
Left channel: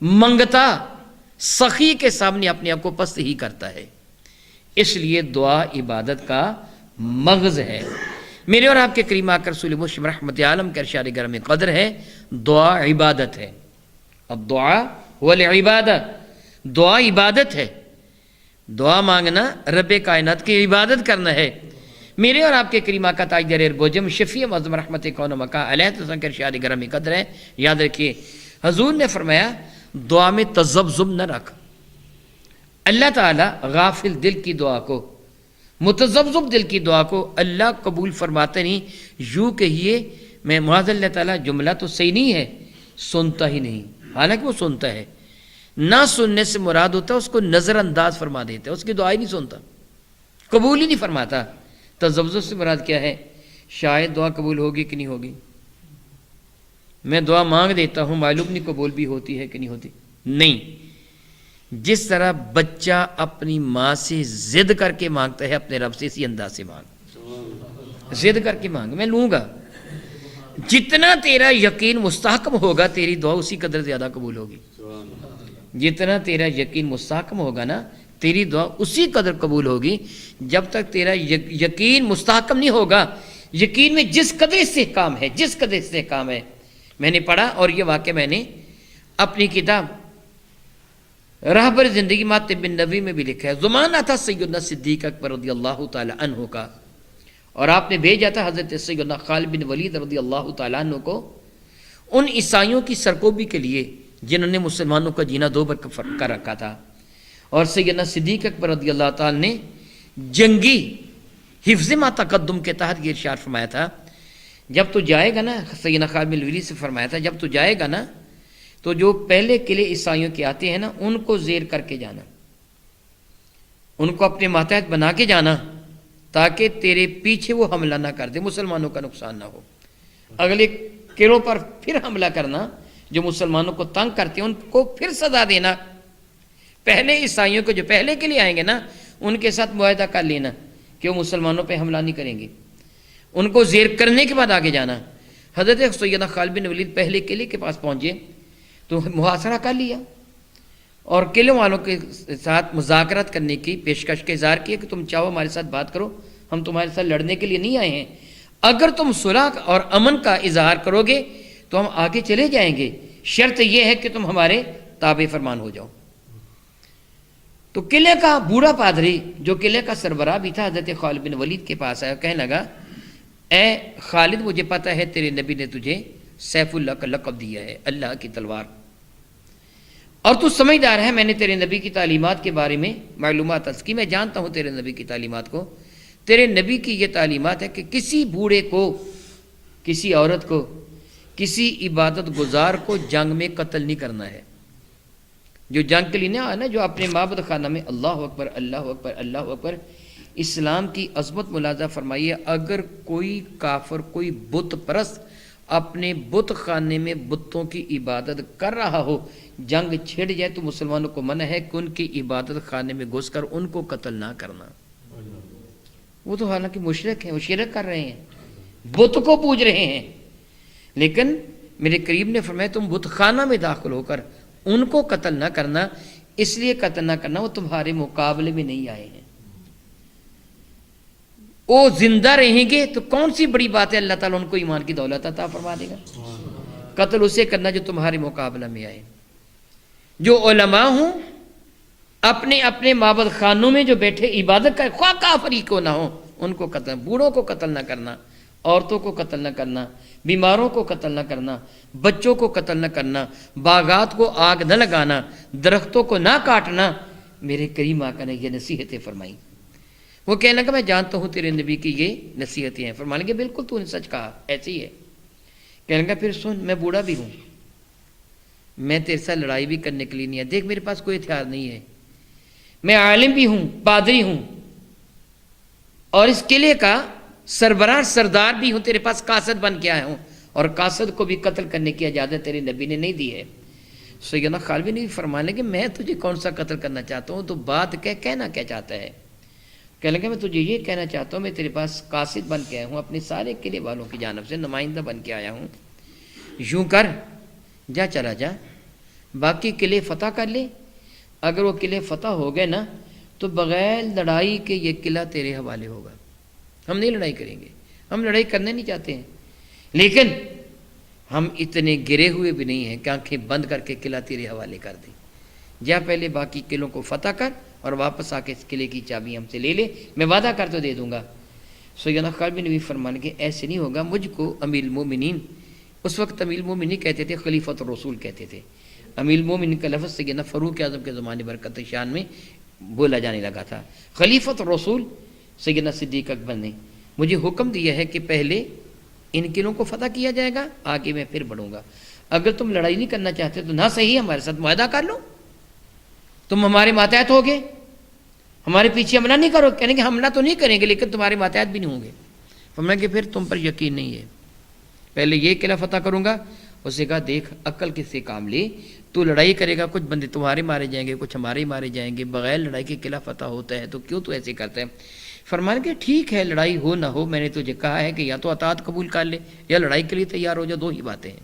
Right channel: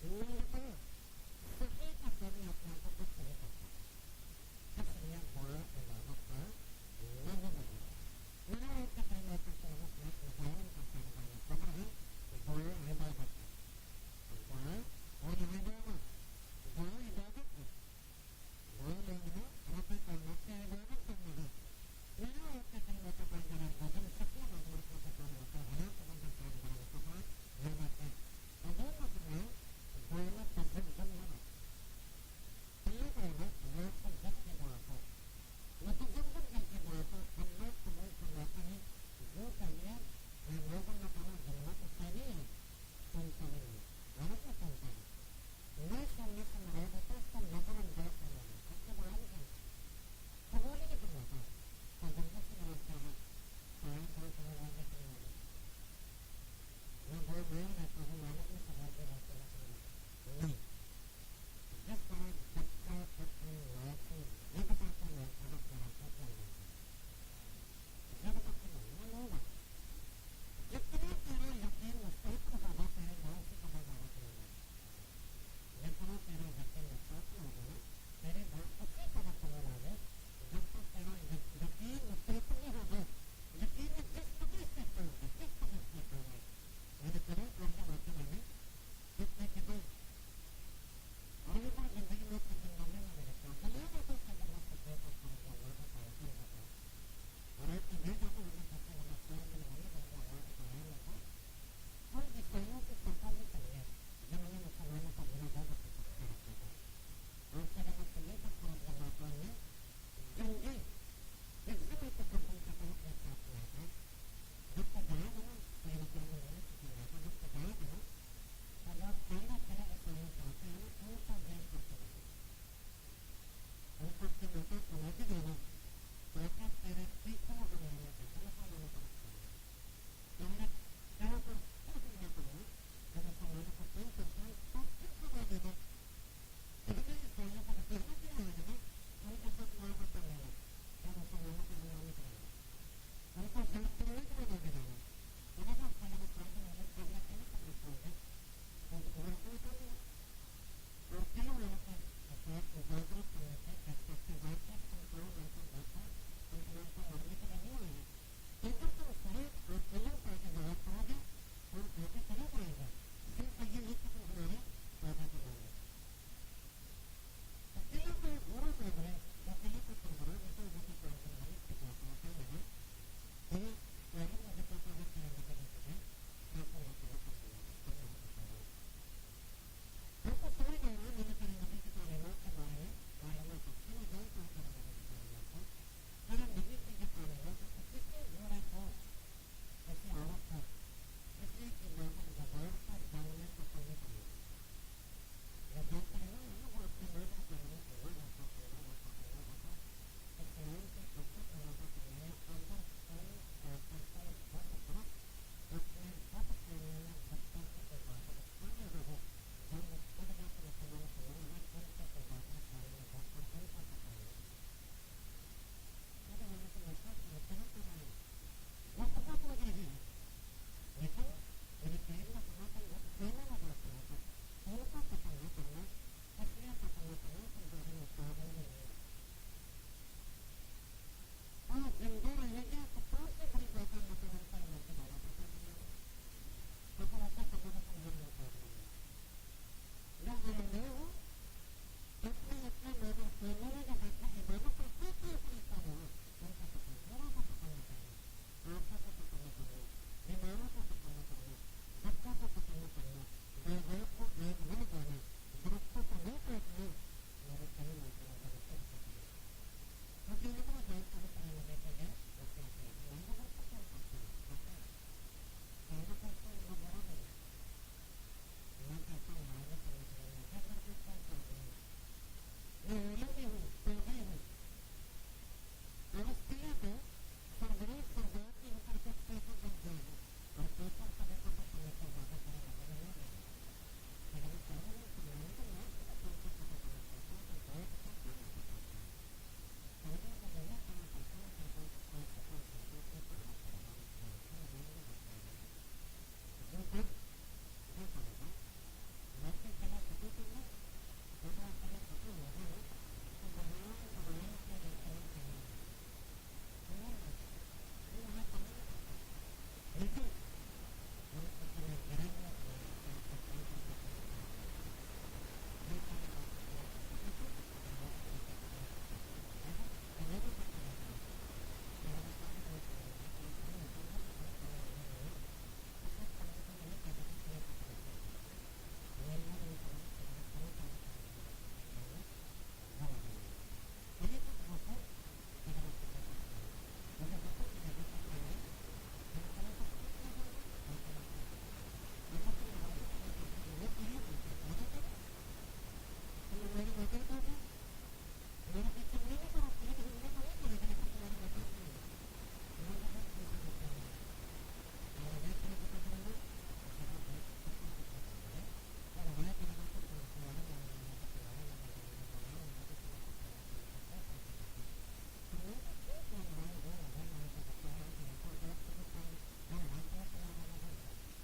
منگتا، سخی کے سامنے اپنے آپ کو پست ہی کرتا ہے، اس لیے دعا عبادت کا مغز ہے۔ میرے اور آپ کے کریم آقا رسول مسلم رحمت عالم کے ارشاد گرامی قدر ہے دعا عبادت ہے۔ اب دعا والعبادت، دعا عبادت ہے، دعا مانگنا رب کائنات کی عبادت کرنا ہے۔ میرے اور آپ کے کریم آقا تاجدار اربوجم شفیع معظم رحمت کون و مکان علیہ السلام کے ارشاد گرامی قدر ہے، یاد رکھیے حضور نے فرمایا دعا میں تذبذب نہ رکھ۔ اللہ تعالیٰ غافل دل کی دعا کو، متذبذب دل کی دعا کو اللہ قبول فرماتے نہیں۔ یوں کہیے میں معاذ اللہ تعالیٰ جملہ تو صحیح نہیں ہے، سنتا ہی نہیں، حالانکہ وہ سنتا ہے۔ نہ سننے سے مراد ہوتا ہے اس کو نظر انداز فرما دیتا ہے، اس کی دعا ہی نہیں سنتا، قبول ہی نہیں فرماتا۔ تذبذب سے مراد کیا ہے؟ شاید دعا قبول ہوگی کہ نہیں ہوگی، میں دعا مانگ دیتا ہوں، معلوم نہیں قبول بھی ہوتی ہے کہ نہیں ہوتی۔ نہیں، جس طرح بچہ اپنی ماں سے ضد کر کے مانگتا ہے اپنے رب سے، اسی انداز سے مانگ، ضد کر کے مانگ، میں لوں گا۔ جتنا تیرا یقین مستحکم ہوگا تیری دعا اسی قدر زیادہ قبول ہوگی. جتنا تیرا یقین مستحکم ہوگا نا تیری دعا اسی قدر قبول ہوگی. جب تک تیرا یقین مستحکم نہیں ہوگا، یقین میں جس قدر استحکام ہے، جس قدر استحکام ہے. میں نے پڑھا اور یہ واقعہ میں نے اپنی کتاب رہبر زندگی مات طب النبوی میں بھی لکھا ہے. زمانہ تھا سیدنا صدیق اکبر رضی اللہ تعالی عنہ کا، اور آپ نے بھیجا تھا حضرت سیدنا خالد بن ولید رضی اللہ تعالیٰ عنہ کو ان عیسائیوں کی سرکوبی کے لیے جنہوں نے مسلمانوں کا جینا دو بر کر رکھا تھا. اور سیدنا صدیق اکبر رضی اللہ تعالیٰ نے جنگی حفظ ما تقدم کے تحت یہ ارشاد فرمایا تھا، جب تو جائے گا نا، سیدنا خالد بن ولید سے فرمایا تھا جب تو جائے گا نا تو جو پہلے قلعے عیسائیوں کے آتے ہیں نا ان کو زیر کر کے جانا، ان کو اپنے ماتحت بنا کے جانا تاکہ تیرے پیچھے وہ حملہ نہ کر دے، مسلمانوں کا نقصان نہ ہو. اگلے قلعوں پر پھر حملہ کرنا، جو مسلمانوں کو تنگ کرتے ہیں ان کو پھر سزا دینا. پہلے عیسائیوں کو جو پہلے کے لیے آئیں گے نا ان کے ساتھ معاہدہ کر لینا کہ وہ مسلمانوں پہ حملہ نہیں کریں گے، ان کو زیر کرنے کے بعد آگے جانا. حضرت سیدنا خالد بن ولید پہلے قلعے کے پاس پہنچے تو محاصرہ کر لیا اور قلعوں والوں کے ساتھ مذاکرات کرنے کی پیشکش کا اظہار کیا کہ تم چاہو ہمارے ساتھ بات کرو، ہم تمہارے ساتھ لڑنے کے لیے نہیں آئے ہیں، اگر تم صلح اور امن کا اظہار کرو گے تو ہم آگے چلے جائیں گے، شرط یہ ہے کہ تم ہمارے تابع فرمان ہو جاؤ. تو قلعے کا بوڑھا پادری جو قلعے کا سربراہ بھی تھا حضرت خالد بن ولید کے پاس آیا، کہنے لگا اے خالد مجھے پتہ ہے تیرے نبی نے تجھے سیف اللہ کا لقب دیا ہے، اللہ کی تلوار، اور تو سمجھدار ہے، میں نے تیرے نبی کی تعلیمات کے بارے میں معلومات حاصل کی، میں جانتا ہوں تیرے نبی کی تعلیمات کو. تیرے نبی کی یہ تعلیمات ہے کہ کسی بوڑھے کو، کسی عورت کو، کسی عبادت گزار کو جنگ میں قتل نہیں کرنا ہے. جو جنگ کے لیے نہ آیا نا، جو اپنے معبد خانہ میں اللہ اکبر اللہ اکبر اللہ اکبر. اسلام کی عظمت ملاحظہ فرمائیے، اگر کوئی کافر، کوئی بت پرست اپنے بت خانے میں بتوں کی عبادت کر رہا ہو، جنگ چھڑ جائے تو مسلمانوں کو منع ہے کہ ان کی عبادت خانے میں گھس کر ان کو قتل نہ کرنا. وہ تو حالانکہ مشرک ہیں، وہ شرک کر رہے ہیں، بت کو پوج رہے ہیں، لیکن میرے قریب نے فرمایا تم بت خانہ میں داخل ہو کر ان کو قتل نہ کرنا. اس لیے قتل نہ کرنا وہ تمہارے مقابلے میں نہیں آئے ہیں، وہ زندہ رہیں گے تو کون سی بڑی بات ہے، اللہ تعالیٰ ان کو ایمان کی دولت عطا فرما دے گا. قتل اسے کرنا جو تمہارے مقابلہ میں آئے. جو علماء ہوں اپنے اپنے معبد خانوں میں جو بیٹھے عبادت کر، خواہ کافری کو نہ ہو، ان کو قتل، بوڑھوں کو قتل نہ کرنا، عورتوں کو قتل نہ کرنا، بیماروں کو قتل نہ کرنا، بچوں کو قتل نہ کرنا، باغات کو آگ نہ لگانا، درختوں کو نہ کاٹنا. میرے کریم آقا نے یہ نصیحتیں فرمائی. وہ کہنے لگا میں جانتا ہوں تیرے نبی کی یہ نصیحتیں ہیں. فرمانے لگے بالکل تو نے سچ کہا، ایسے ہی ہے. کہنے لگا پھر سن، میں بوڑھا بھی ہوں، میں تیرے ساتھ لڑائی بھی کرنے کے لیے نہیں ہے، دیکھ میرے پاس کوئی ہتھیار نہیں ہے، میں عالم بھی ہوں، پادری ہوں، اور اس قلعے کا سربراہ سردار بھی ہوں، تیرے پاس قاصد بن کے آیا ہوں، اور قاصد کو بھی قتل کرنے کی اجازت تیرے نبی نے نہیں دی ہے. سیدنا خالد بن فرمانے کہ میں تجھے کون سا قتل کرنا چاہتا ہوں، تو بات کہنا کیا چاہتا ہے. کہنے لگا میں تجھے یہ کہنا چاہتا ہوں میں تیرے پاس قاصد بن کے آیا ہوں، اپنے سارے قلعے والوں کی جانب سے نمائندہ بن کے آیا ہوں. یوں کر، جا چلا جا، باقی قلعے فتح کر لے. اگر وہ قلعے فتح ہو گئے نا تو بغیر لڑائی کے یہ قلعہ تیرے حوالے ہوگا. ہم نہیں لڑائی کریں گے، ہم لڑائی کرنے نہیں چاہتے ہیں، لیکن ہم اتنے گرے ہوئے بھی نہیں ہیں کہ آنکھیں بند کر کے قلعہ تیرے حوالے کر دیں. جا پہلے باقی قلعوں کو فتح کر اور واپس آ کے اس قلعے کی چابی ہم سے لے لے، میں وعدہ کر تو دے دوں گا. سیدنا خالد بن فرمان کے ایسے نہیں ہوگا، مجھ کو امیر المومنین، اس وقت امیر المومنین کہتے تھے، خلیفۃ الرسول کہتے تھے. امیر المومنین کا لفظ سیدنا فاروق اعظم کے زمانے برکت شان میں بولا جانے لگا تھا. خلیفۃ الرسول سیدنا صدیق اکبر نے مجھے حکم دیا ہے کہ پہلے ان قلعوں کو فتح کیا جائے گا، آگے میں پھر بڑھوں گا. اگر تم لڑائی نہیں کرنا چاہتے تو نہ صحیح ہمارے ساتھ معاہدہ کر لو، تم ہمارے ماتحت ہوگے، ہمارے پیچھے حملہ نہیں کرو. کہنے کہ حملہ تو نہیں کریں گے لیکن تمہارے ماتحت بھی نہیں ہوں گے. فرمایا کہ پھر تم پر یقین نہیں ہے، پہلے یہ قلعہ فتح کروں گا. اس نے کہا دیکھ عقل کس سے کام لے، تو لڑائی کرے گا، کچھ بندے تمہارے مارے جائیں گے، کچھ ہمارے مارے جائیں گے، بغیر لڑائی کے قلعہ فتح ہوتا ہے تو کیوں تو ایسے کرتا ہے. فرمانے کہ ٹھیک ہے لڑائی ہو نہ ہو، میں نے تجھے کہا ہے کہ یا تو اطاعت قبول کر لے یا لڑائی کے لیے تیار ہو جا، دو ہی باتیں ہیں،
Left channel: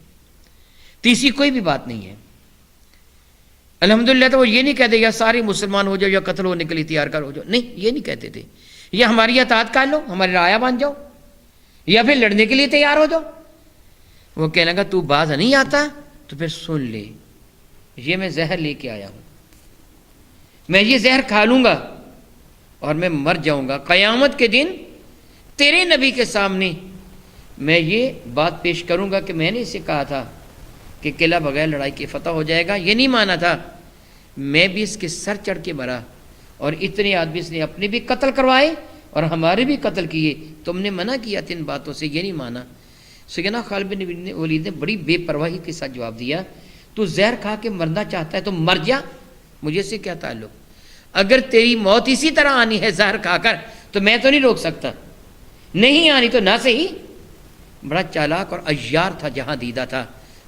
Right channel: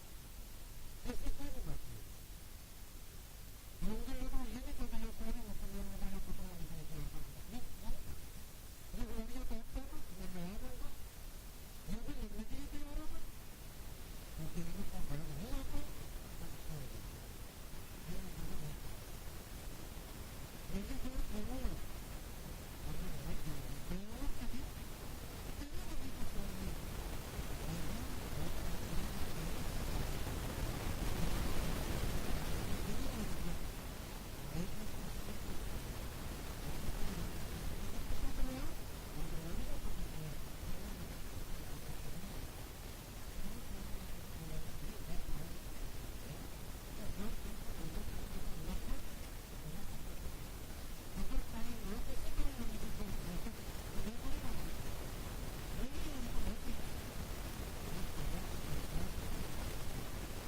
تیسری کوئی بھی بات نہیں ہے۔ الحمدللہ تو وہ یہ نہیں کہتے یا سارے مسلمان ہو جاؤ یا قتل ہونے کے لیے تیار کر ہو جاؤ، نہیں یہ نہیں کہتے تھے، یا ہماری اطاعت کر لو، ہماری رعایا بن جاؤ، یا پھر لڑنے کے لیے تیار ہو جاؤ۔ وہ کہنے لگا تو باز نہیں آتا تو پھر سن لے، یہ میں زہر لے کے آیا ہوں، میں یہ زہر کھا لوں گا اور میں مر جاؤں گا، قیامت کے دن تیرے نبی کے سامنے میں یہ بات پیش کروں گا کہ میں نے اسے کہا تھا کہ قلعہ بغیر لڑائی کے فتح ہو جائے گا، یہ نہیں مانا تھا، میں بھی اس کے سر چڑھ کے مرا، اور اتنے آدمی اس نے اپنے بھی قتل کروائے اور ہمارے بھی قتل کیے، تم نے منع کیا تھا ان باتوں سے، یہ نہیں مانا۔ سیدنا خالد بن ولید نے بڑی بے پرواہی کے ساتھ جواب دیا، تو زہر کھا کے مرنا چاہتا ہے تو مر جا، مجھے سے کیا تعلق، اگر تیری موت اسی طرح آنی ہے زہر کھا کر تو میں تو نہیں روک سکتا، نہیں آنی تو نہ صحیح۔ بڑا چالاک اور عیار تھا، جہاں دیدہ تھا،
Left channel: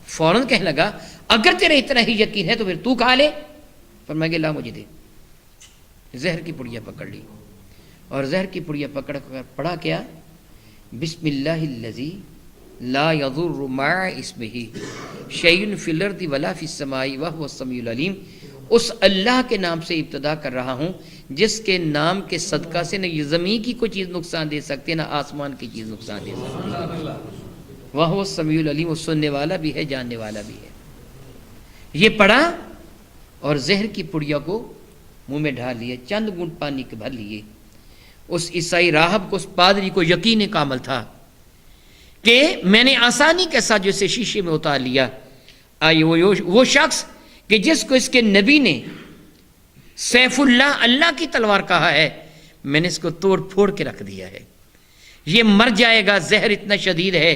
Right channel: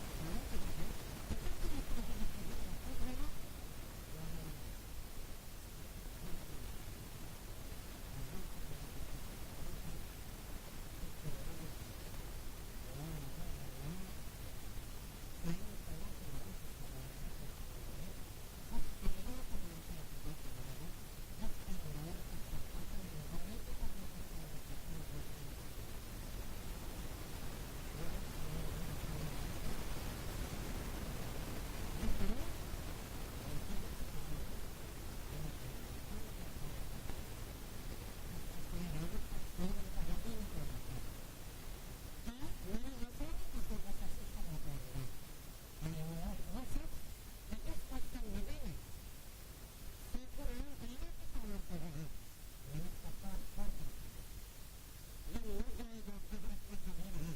فوراً کہنے لگا اگر تیرے اتنا ہی یقین ہے تو پھر تو کھا لے، پر میں کہ لا مجھے دے۔ زہر کی پڑیا پکڑ لی اور زہر کی پڑیا پکڑ کر پڑھا کیا، بسم اللہ الذی لا یضر مع اسمہ شیء فی الارض ولا فی السماء وہو السمیع العلیم، اس اللہ کے نام سے ابتدا کر رہا ہوں جس کے نام کے صدقہ سے نہ یہ زمین کی کوئی چیز نقصان دے سکتے نہ آسمان کی چیز نقصان دے سکتے، وہو السمیع العلیم، وہ سننے والا بھی ہے جاننے والا بھی ہے۔ یہ پڑھا اور زہر کی پڑیا کو منہ میں ڈال لیے، چند گھونٹ پانی کے بھر لیے۔ اس عیسائی راہب کو، اس پادری کو یقین کامل تھا کہ میں نے آسانی کے ساتھ جو اسے شیشے میں اتار لیا، آئیے وہ شخص کہ جس کو اس کے نبی نے سیف اللہ، اللہ کی تلوار کہا ہے، میں نے اس کو توڑ پھوڑ کے رکھ دیا ہے، یہ مر جائے گا، زہر اتنا شدید ہے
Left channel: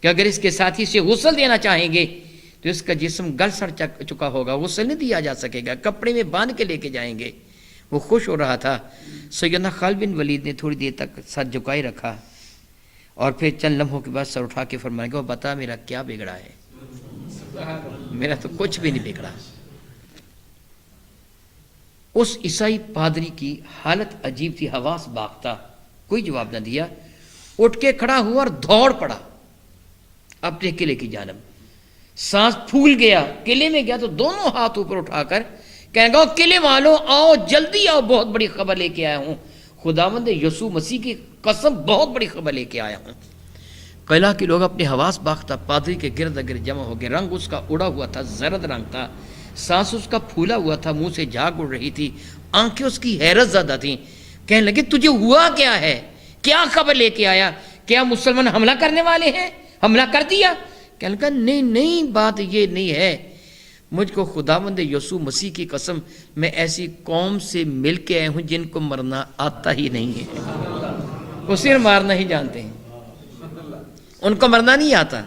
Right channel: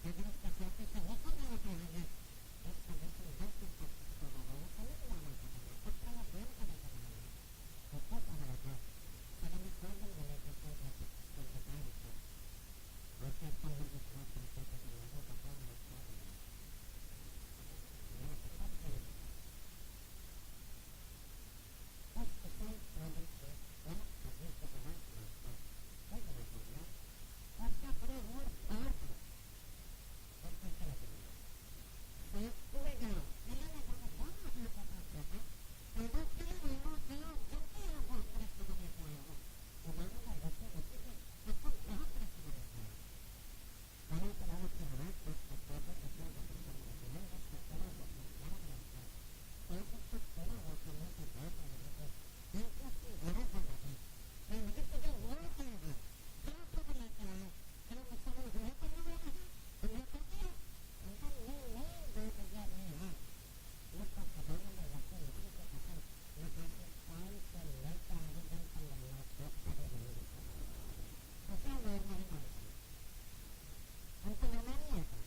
کہ اگر اس کے ساتھی سے غسل دینا چاہیں گے تو اس کا جسم گل سڑ چکا ہوگا، غسل نہیں دیا جا سکے گا، کپڑے میں باندھ کے لے کے جائیں گے۔ وہ خوش ہو رہا تھا۔ سیدنا خالد بن ولید نے تھوڑی دیر تک سر جھکائے رکھا اور پھر چند لمحوں کے بعد سر اٹھا کے فرمایا کہ بتا میرا کیا بگڑا ہے، میرا تو کچھ بھی نہیں بگڑا۔ اس عیسائی پادری کی حالت عجیب تھی، حواس باختہ، کوئی جواب نہ دیا، اٹھ کے کھڑا ہوا اور دوڑ پڑا اپنے قلعے کی جانب، سانس پھول گیا، قلعے میں گیا تو دونوں ہاتھ اوپر اٹھا کر کہنے گا قلعے والوں آؤ جلدی آؤ، بہت بڑی خبر لے کے آیا ہوں، خداوند یسوع مسیح کی قسم بہت بڑی خبر لے کے آیا ہوں۔ قلعہ کے لوگ اپنے حواس باختہ پادری کے گرد گرد جمع ہو گئے، رنگ اس کا اڑا ہوا تھا، زرد رنگ تھا، سانس اس کا پھولا ہوا تھا، منہ سے جھاگ اڑ رہی تھی، آنکھیں اس کی حیرت زدہ تھیں۔ کہنے لگے تجھے ہوا کیا ہے، کیا خبر لے کے آیا، کیا مسلمان حملہ کرنے والے ہیں، حملہ کر دیا؟ کہنے لگا نہیں نہیں، بات یہ نہیں ہے، مجھ کو خداوند یسوع مسیح کی قسم میں ایسی قوم سے مل کے آئے ہوں جن کو مرنا آتا ہی نہیں ہے، وہ صرف مارنا ہی جانتے ہیں، ان کو مرنا نہیں آتا،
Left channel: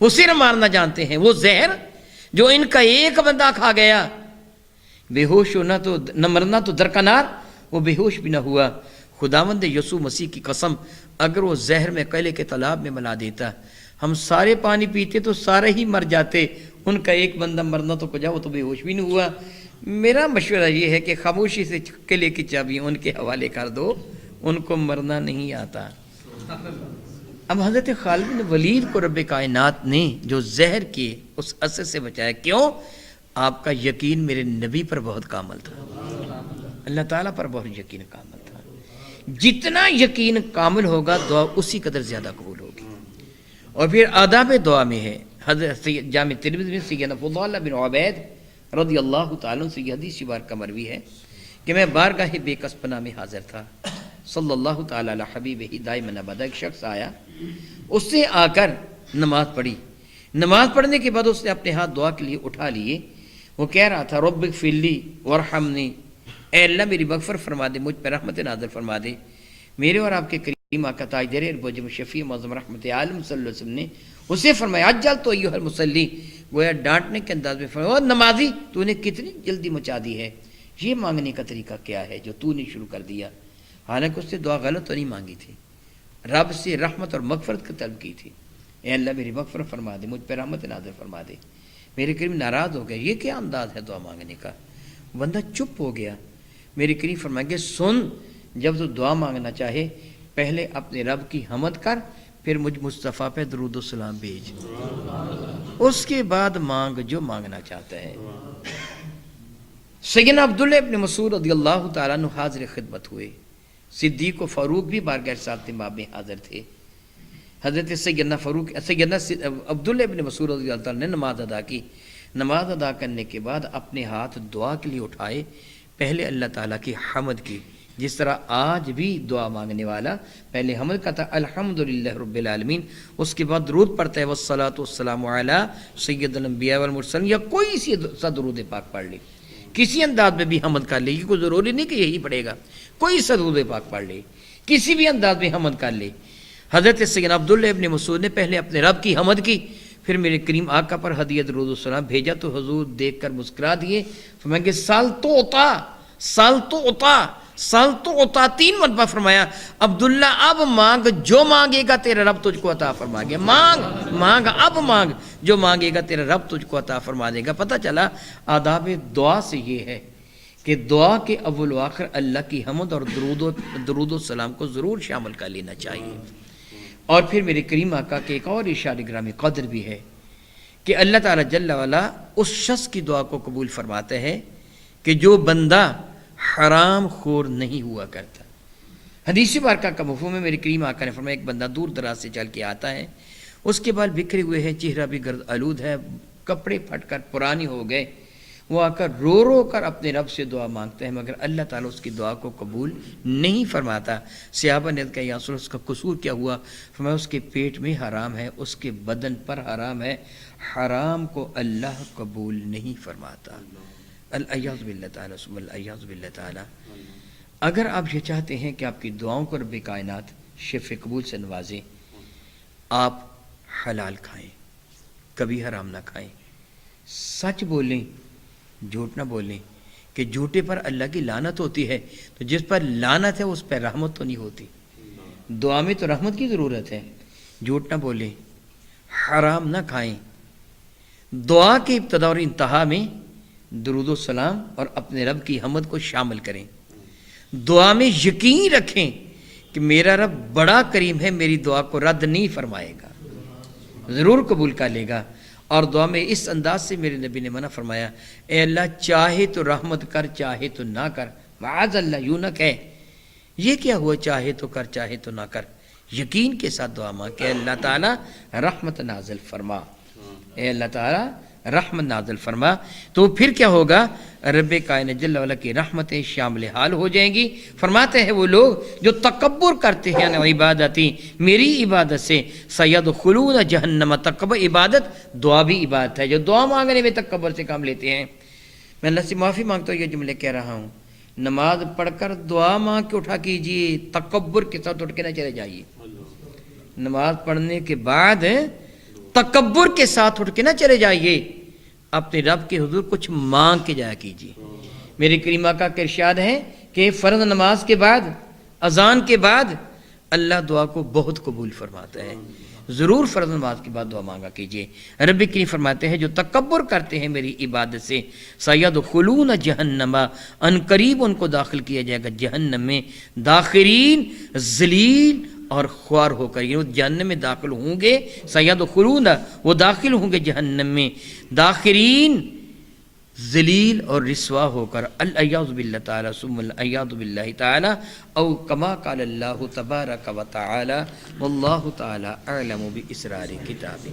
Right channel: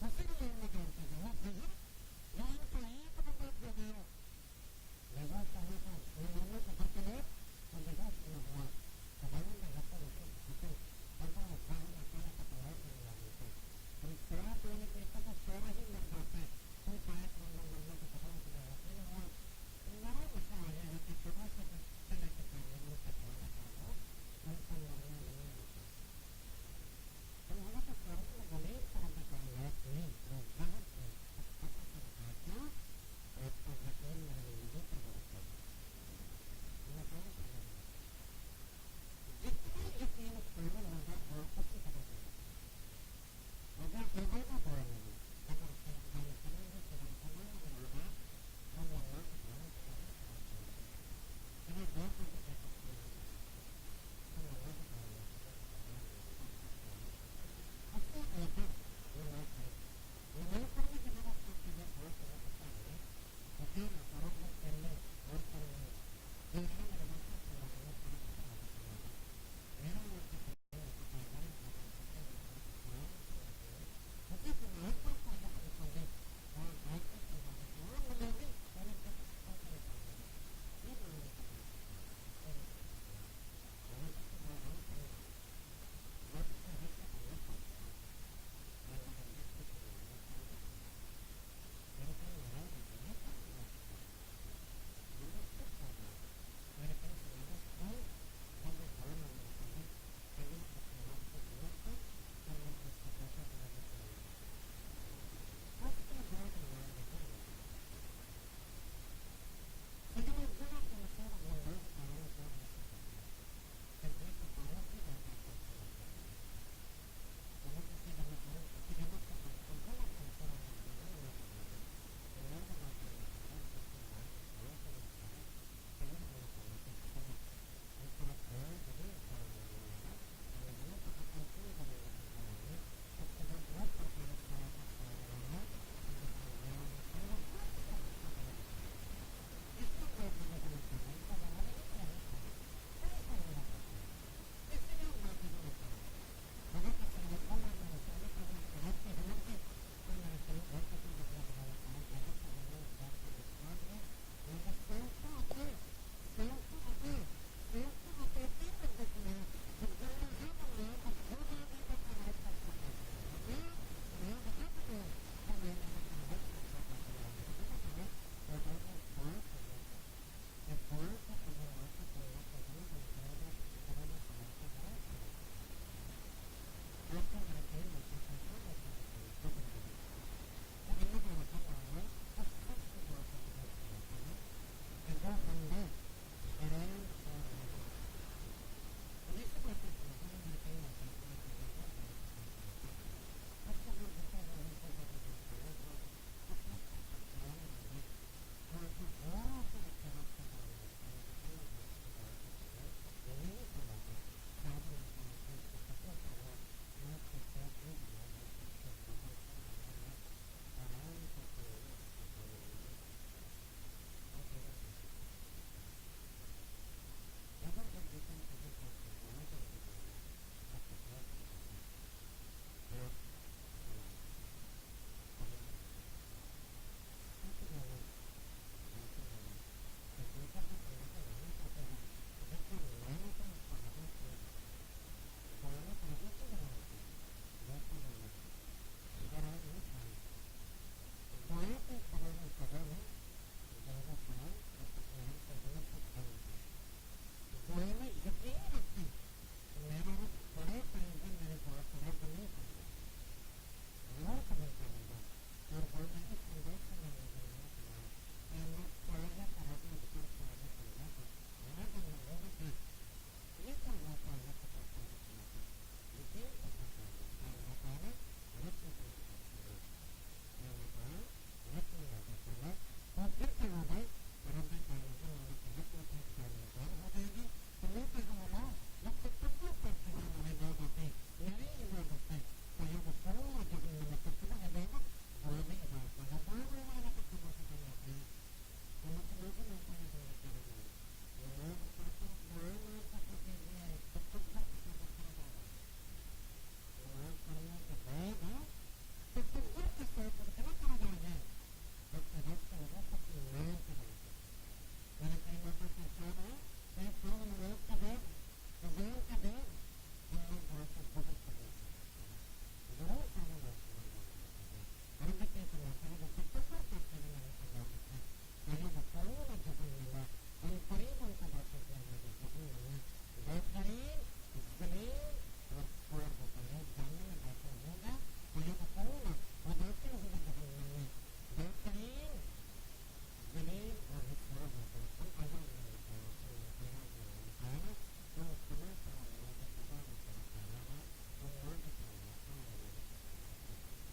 وہ صرف مارنا جانتے ہیں۔ وہ زہر جو ان کا ایک بندہ کھا گیا، بے ہوش ہونا تو نہ مرنا تو درکنار، وہ بے ہوش بھی نہ ہوا۔ خداوند یسوع مسیح کی قسم اگر وہ زہر میں قلعے کے تالاب میں ملا دیتا، ہم سارے پانی پیتے تو سارے ہی مر جاتے، ان کا ایک بندہ مرنا تو کجا، وہ تو بے ہوش بھی نہیں ہوا۔ میرا مشورہ یہ ہے کہ خاموشی سے قلعے کی چابیاں ان کے حوالے کر دو، ان کو مرنا نہیں آتا۔ اب حضرت خالد بن ولید کو رب کائنات نے جو زہر کے اس اثر سے بچایا، کیوں؟ آپ کا یقین میرے نبی پر بہت کامل تھا، اللہ تعالیٰ پر بہت یقین کامل تھا۔ جتنا یقین کامل ہوگا دعا اسی قدر زیادہ قبول ہوگی۔ اور پھر آداب دعا میں ہے، حضرت جامع ترمذی میں سیدنا فضالہ بن عبید رضی اللہ تعالیٰ سے یہ حدیث بار کا مروی ہے کہ میں بارگاہ بے کس پناہ میں حاضر تھا، صلی اللہ تعالیٰ علی حبیبہ دائما ابدا، ایک شخص آیا، اس سے آ کر نماز پڑھی، نماز پڑھنے کے بعد اس نے اپنے ہاتھ دعا کے لیے اٹھا لیے، وہ کہہ رہا تھا رب اغفر لی وارحمنی، اے اللہ میری مغفرت فرما دے، مجھ پر رحمت نازل فرما دے۔ میرے اور آپ کے کریم آقا تاجدار اربوجم شفیع معظم رحمت عالم صلی اللہ علیہ وسلم نے اسے فرمایا اجل تو ایھا المصلی، گویا ڈانٹنے کے انداز میں فرمایا نمازی تو نے کتنی جلدی مچا دی ہے، یہ مانگنے کا طریقہ کیا ہے جو تو نے شروع کر دیا؟ حالانکہ اس سے دعا غلط تو نہیں مانگی تھی، رب سے رحمت اور مغفرت کی طلب کی تھی، اے اللہ میری مغفرت فرما دے، مجھ پہ رحمت نازل فرما دے۔ میرے کریم ناراض ہو گیا، یہ کیا انداز ہے دعا مانگنے کا؟ بندہ چپ ہو گیا۔ میرے کریم فرمائیں گے سن، جب تو دعا مانگنا چاہے پہلے اپنے رب کی حمد کر، پھر مجھ مصطفیٰ پہ درود و سلام بھیج، اس کے بعد مانگ جو مانگنا چاہتا ہے۔ سیدنا عبداللہ ابن مسعود رضی اللہ تعالیٰ عنہ حاضر خدمت ہوئے، صدیق و فاروق بھی بارگاہ صاحب امام میں حاضر تھے۔ حضرت سیدنا عبداللہ ابن مسعود رضی اللہ تعالیٰ نے نماز ادا کی، نماز ادا کرنے کے بعد اپنے ہاتھ دعا کے لیے اٹھائے، پہلے اللہ تعالیٰ کی حمد کی، جس طرح آج بھی دعا مانگنے والا پہلے حمد کہتا الحمدللہ رب العالمین، اس کے بعد درود پڑھتا ہے والصلاۃ والسلام علی سید الانبیاء والمرسلین، یا کوئی سا درود پاک پڑھ لے، کسی انداز میں بھی حمد کر لے، یہ کوئی ضروری نہیں کہ یہی پڑھے گا، کوئی سا درود پاک پڑھ لے، کسی بھی انداز میں حمد کر لے۔ حضرت سیدنا عبداللہ ابن مسعود نے پہلے اپنے رب کی حمد کی، پھر میرے کریم آقا پر ہدیہ درود و سلام بھیجا تو حضور دیکھ کر مسکرا دیے، فرمایا کہ سال تو عطا 3 مرتبہ فرمایا عبداللہ اب مانگ جو مانگے گا تیرا رب تجھ کو عطا فرما گے، مانگ اب مانگ جو مانگے گا تیرا رب تجھ کو عطا فرما دے گا۔ پتہ چلا آداب دعا سے یہ ہے کہ دعا کے اول و آخر اللہ کی حمد اور درود و سلام کو ضرور شامل کر لینا چاہیے۔ اور پھر میرے کریم آقا کے ایک اور ارشاد گرامی قدر بھی ہے کہ اللہ تعالیٰ جل وعلا اس شخص کی دعا کو قبول فرماتا ہے کہ جو بندہ حرام خور نہیں ہوا کرتا۔ حدیث بارکہ کا مفہوم ہے، میرے کریم آقا نے فرمایا ایک بندہ دور دراز سے چل کے آتا ہے، اس کے بال بکھرے ہوئے ہیں، چہرہ بھی گرد آلود ہے، کپڑے پھٹ کر پرانے ہو گئے، وہ آ کر رو کر اپنے رب سے دعا مانگتا ہے، مگر اللہ تعالیٰ اس کی دعا کو قبول نہیں فرماتا۔ صحابہ نے کہا یا رسول اللہ، اس کا قصور کیا ہوا؟ فرمایا اس کے پیٹ میں حرام ہے، اس کے بدن پر حرام ہے، حرام کو اللہ قبول نہیں فرماتا۔ الیاذ باللہ تعالیٰ ثم الیاذ باللہ تعالیٰ۔ اگر آپ یہ چاہتے ہیں کہ آپ کی دعاؤں کو رب کائنات شفع قبول سے نوازیں، آپ حلال کھائیں، کبھی حرام نہ کھائیں، سچ بولیں، جھوٹ نہ بولیں، کہ جھوٹے پر اللہ کی لعنت ہوتی ہے، تو جس پر لعنت ہے اس پر رحمت تو نہیں ہوتی۔ دعا میں تو رحمت کی ضرورت ہے، جھوٹ نہ بولیں، حرام نہ کھائیں، دعا کے ابتدا اور انتہا میں درود و سلام اور اپنے رب کی حمد کو شامل کریں، دعا میں یقین رکھیں کہ میرا رب بڑا کریم ہے، میری دعا کو رد نہیں فرمائے گا، ضرور قبول کر لے گا۔ اور دعا میں اس انداز سے میرے نبی نے منع فرمایا، اے اللہ چاہے تو رحمت کر چاہے تو نہ کر، معاذ اللہ، یوں نہ کہے یہ کیا ہوا چاہے تو کر چاہے تو نہ کر، یقین کے ساتھ دعا مانگ کہ اللہ تعالیٰ رحمت نازل فرما، اے اللہ تعالیٰ رحمت نازل فرما، تو پھر کیا ہوگا؟ رب کائنات جل وعلا کی رحمتیں شامل حال ہو جائیں گی۔ فرماتے ہیں وہ لوگ جو تکبر کرتے ہیں عبادتی، میری عبادت سے، سیدخلون جہنم، تکبر عبادت دعا بھی عبادت ہے، جو دعا مانگنے میں تکبر سے کام لیتے ہیں۔ میں اللہ سے معافی مانگتا ہوں یہ جملے کہہ رہا ہوں، نماز پڑھ کر دعا مانگ کے اٹھا کیجئے، تکبر کے ساتھ اٹھ کے نہ چلے جائیے، نماز پڑھنے کے بعد تکبر کے ساتھ اٹھ کے نہ چلے جائیے، اپنے رب کے حضور کچھ مانگ کے جایا کیجیے۔ میرے کریم آقا کا ارشاد ہے کہ فرض نماز کے بعد، اذان کے بعد اللہ دعا کو بہت قبول فرماتا ہے، ضرور فرض نماز کے بعد دعا مانگا کیجیے۔ رب کریم فرماتے ہیں جو تکبر کرتے ہیں میری عبادت سے، سیدخلون جہنم، ان قریب ان کو داخل کیا جائے گا جہنم میں، داخرین، ذلیل اور خوار ہو کر، یہ جہنم میں داخل ہوں گے، سیدخلون وہ داخل ہوں گے جہنم میں، داخرین، ذلیل اور رسوا ہو کر، الیاذ باللہ تعالی ثم الیاذ باللہ تعالی، او کما قال اللہ تبارک و تعالی، واللہ تعالی اعلم باسرار کتابہ۔